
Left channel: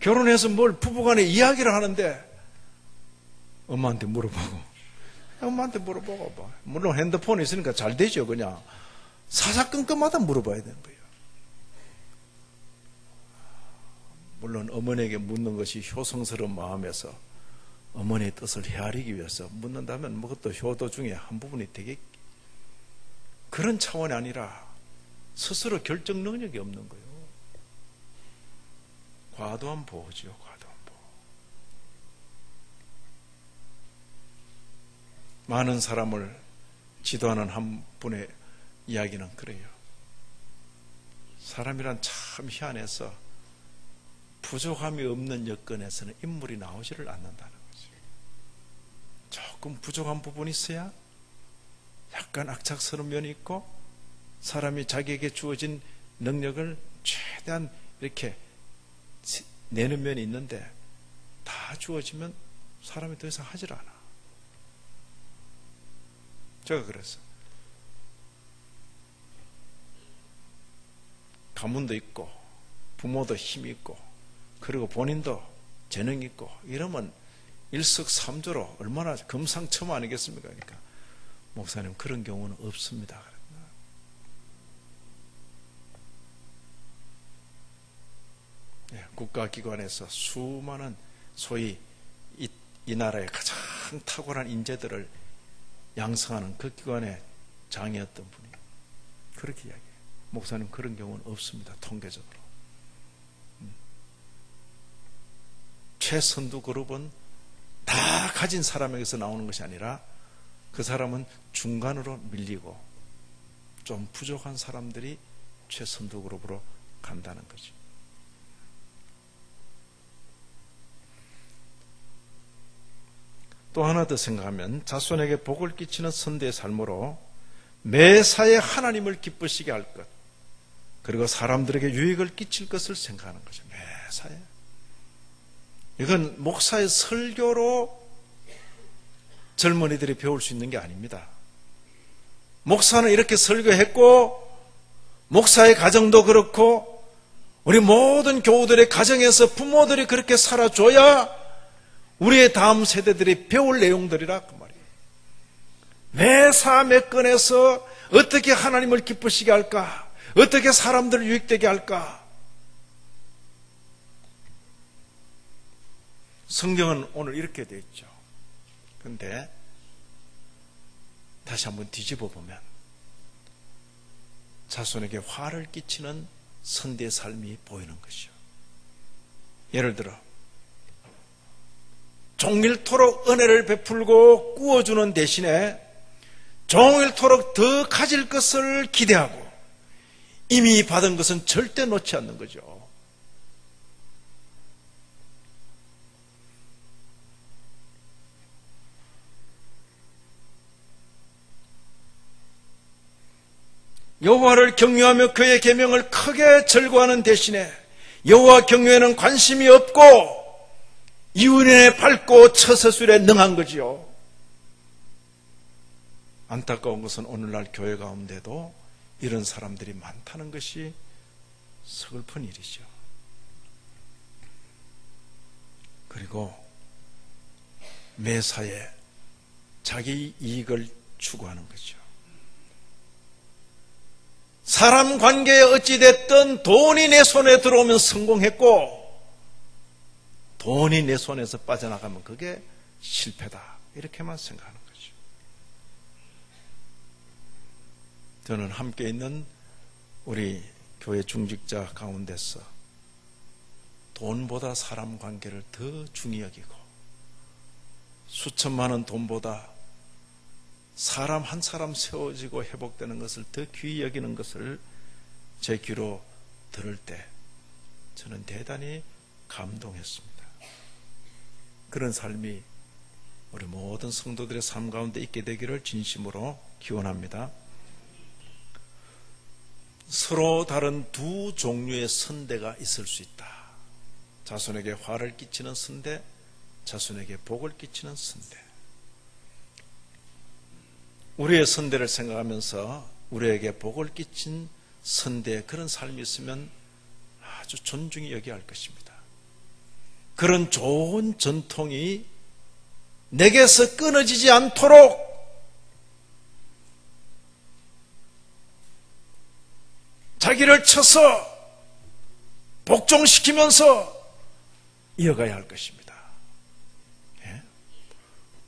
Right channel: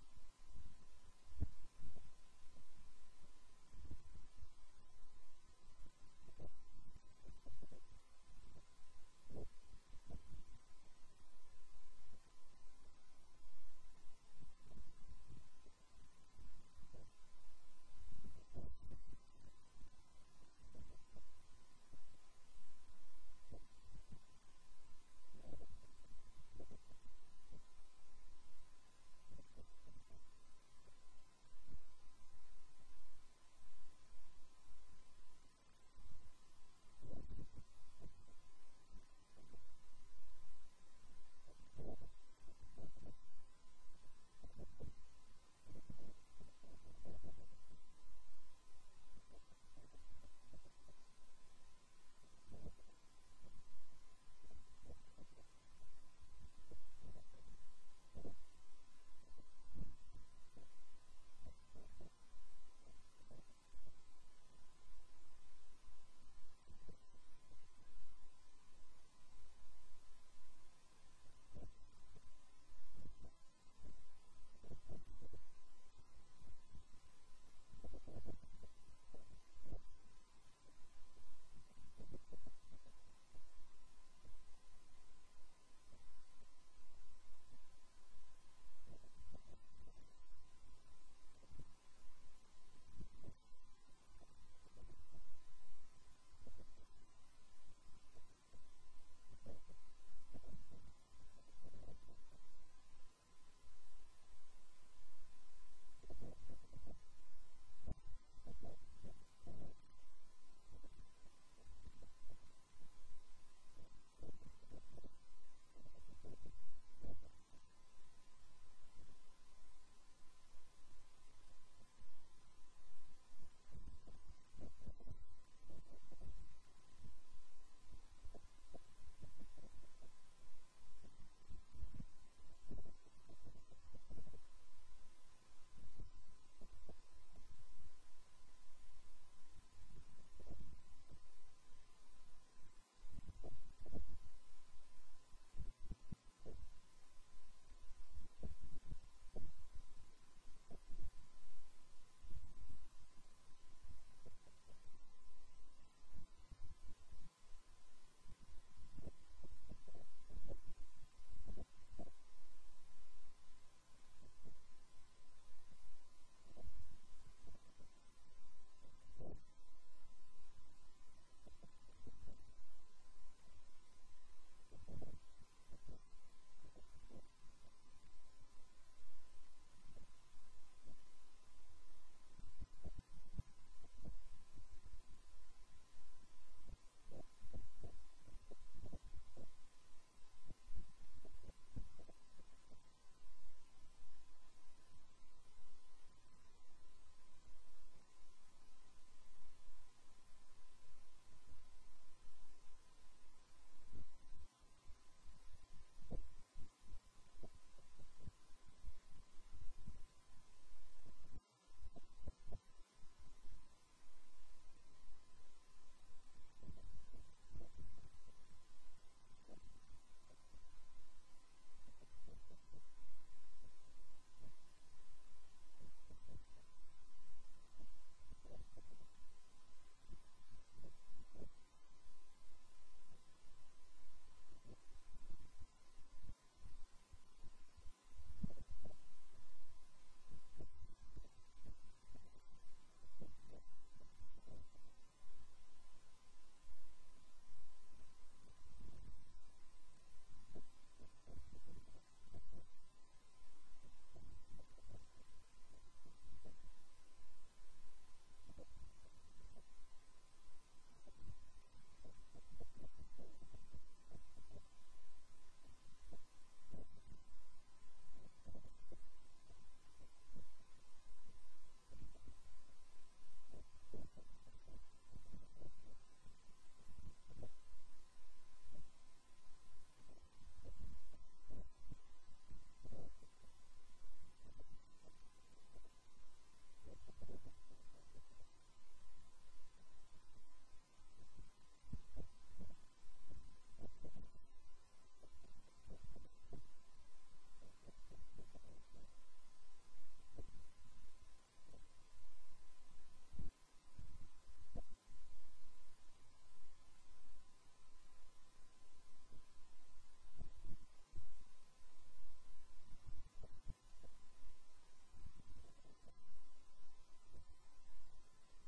결혼해서 뭘 부부간에 이야기를 하는데 엄마한테 물어보고, 엄마한테 물어보고, 뭐. 물론 핸드폰이 있으니까 잘 되죠. 그냥 사사건건마다 물어봐야 되는 거예요. 물론 어머니에게 묻는 것이 효성스러운 마음에서 어머니의 뜻을 헤아리기 위해서 묻는다면 그것도 효도 중에 한 부분이 되겠. 그런 차원이 아니라 스스로 결정 능력이 없는 거예요. 과도한 보호지요. 과도한 보호. 많은 사람을 지도하는 한 분의 이야기는 그래요. 사람이란 참 희한해서 부족함이 없는 여건에서는 인물이 나오지를 않는다는 거죠. 조금 부족한 부분이 있어야 약간 악착스러운 면이 있고, 사람이 자기에게 주어진 능력을 최대한 이렇게 내는 면이 있는데, 다 주어지면 사람이 더 이상 하질 않아. 제가 그래서 가문도 있고 부모도 힘이 있고 그리고 본인도 재능이 있고 이러면 일석삼조로 얼마나 금상첨화 아니겠습니까? 그러니까 목사님 그런 경우는 없습니다. 국가기관에서 수많은 소위 이 나라의 가장 탁월한 인재들을 양성하는 그 기관의 장이었던 분이 그렇게 이야기해요. 목사님 그런 경우는 없습니다. 통계적으로. 최선두 그룹은 다 가진 사람에게서 나오는 것이 아니라 그 사람은 중간으로 밀리고 좀 부족한 사람들이 최선두 그룹으로 간다는 거죠. 또 하나 더 생각하면 자손에게 복을 끼치는 선대의 삶으로 매사에 하나님을 기쁘시게 할 것, 그리고 사람들에게 유익을 끼칠 것을 생각하는 거죠. 매사에. 이건 목사의 설교로 젊은이들이 배울 수 있는 게 아닙니다. 목사는 이렇게 설교했고 목사의 가정도 그렇고 우리 모든 교우들의 가정에서 부모들이 그렇게 살아줘야 우리의 다음 세대들이 배울 내용들이라 그 말이에요. 매사 매 건에서 어떻게 하나님을 기쁘시게 할까? 어떻게 사람들을 유익되게 할까? 성경은 오늘 이렇게 되어 있죠. 그런데 다시 한번 뒤집어 보면 자손에게 화를 끼치는 선대의 삶이 보이는 것이죠. 예를 들어 종일토록 은혜를 베풀고 꾸어주는 대신에 종일토록 더 가질 것을 기대하고 이미 받은 것은 절대 놓지 않는 거죠. 여호와를 경외하며 그의 계명을 크게 절거하는 대신에 여호와 경외에는 관심이 없고 이윤에 밟고 처세술에 능한 거지요. 안타까운 것은 오늘날 교회 가운데도 이런 사람들이 많다는 것이 서글픈 일이죠. 그리고 매사에 자기 이익을 추구하는 거죠. 사람 관계에 어찌됐든 돈이 내 손에 들어오면 성공했고 돈이 내 손에서 빠져나가면 그게 실패다. 이렇게만 생각하는 거죠. 저는 함께 있는 우리 교회 중직자 가운데서 돈보다 사람 관계를 더 중히 여기고 수천만 원 돈보다 사람 한 사람 세워지고 회복되는 것을 더 귀히 여기는 것을 제 귀로 들을 때 저는 대단히 감동했습니다. 그런 삶이 우리 모든 성도들의 삶 가운데 있게 되기를 진심으로 기원합니다. 서로 다른 두 종류의 선대가 있을 수 있다. 자손에게 화를 끼치는 선대, 자손에게 복을 끼치는 선대. 우리의 선대를 생각하면서 우리에게 복을 끼친 선대의 그런 삶이 있으면 아주 존중히 여겨야 할 것입니다. 그런 좋은 전통이 내게서 끊어지지 않도록 자기를 쳐서 복종시키면서 이어가야 할 것입니다. 예?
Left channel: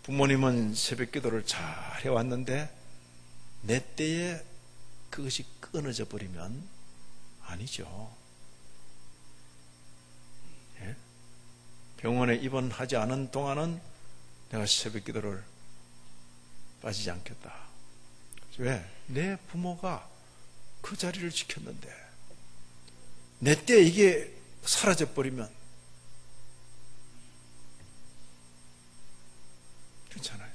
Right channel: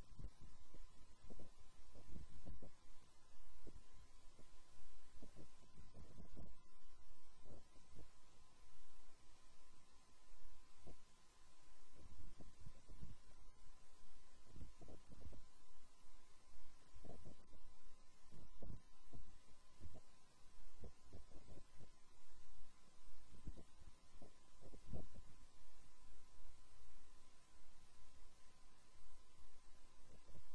부모님은 새벽 기도를 잘 해왔는데 내 때에 그것이 끊어져 버리면 아니죠. 예? 병원에 입원하지 않은 동안은 내가 새벽 기도를 빠지지 않겠다. 왜? 내 부모가 그 자리를 지켰는데 내 때 이게 사라져 버리면 괜찮아요.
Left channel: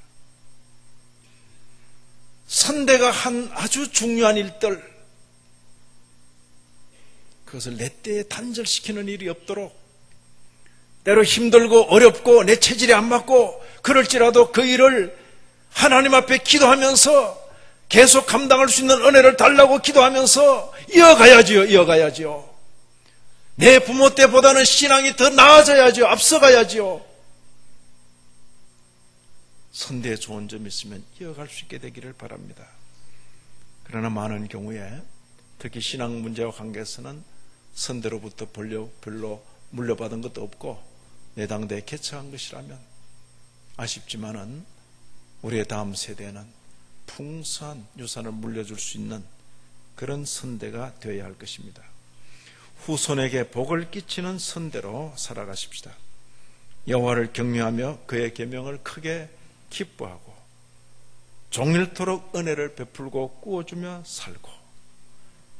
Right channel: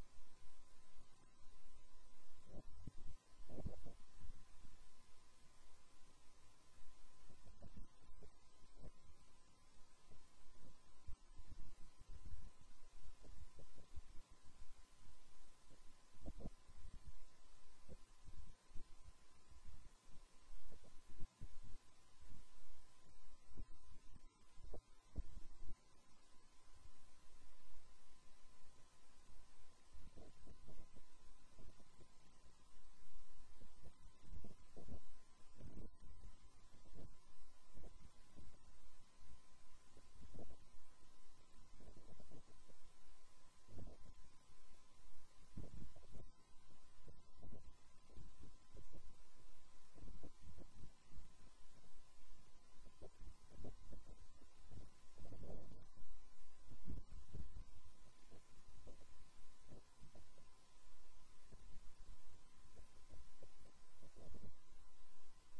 선대가 한 아주 중요한 일들, 그것을 내 때에 단절시키는 일이 없도록, 때로 힘들고 어렵고 내 체질이 안 맞고 그럴지라도 그 일을 하나님 앞에 기도하면서 계속 감당할 수 있는 은혜를 달라고 기도하면서 이어가야지요. 내 부모 때보다는 신앙이 더 나아져야죠. 앞서가야죠. 선대에 좋은 점이 있으면 이어갈 수 있게 되기를 바랍니다. 그러나 많은 경우에 특히 신앙 문제와 관계에서는 선대로부터 별로 물려받은 것도 없고 내 당대에 개척한 것이라면 아쉽지만은 우리의 다음 세대에는 풍성한 유산을 물려줄 수 있는 그런 선대가 되어야 할 것입니다. 후손에게 복을 끼치는 선대로 살아가십시다. 여호와를 경외하며 그의 계명을 크게 기뻐하고 종일토록 은혜를 베풀고 꾸어주며 살고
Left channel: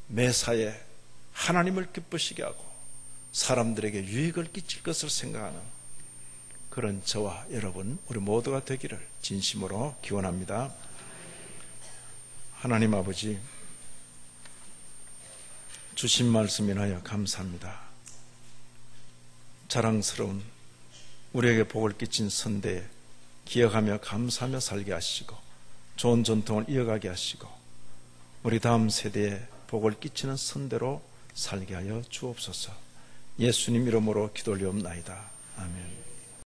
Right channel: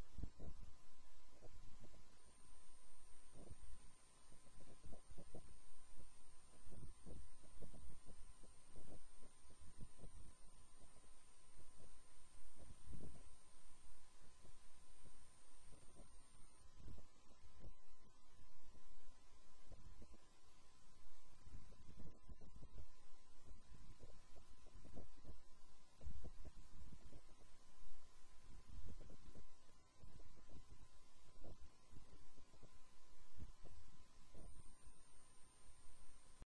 매사에 하나님을 기쁘시게 하고 사람들에게 유익을 끼칠 것을 생각하는 그런 저와 여러분 우리 모두가 되기를 진심으로 기원합니다. 하나님 아버지, 주신 말씀 인하여 감사합니다. 자랑스러운 우리에게 복을 끼친 선대에 기억하며 감사하며 살게 하시고 좋은 전통을 이어가게 하시고 우리 다음 세대에 복을 끼치는 선대로 살게 하여 주옵소서. 예수님 이름으로 기도 올리옵나이다. 아멘.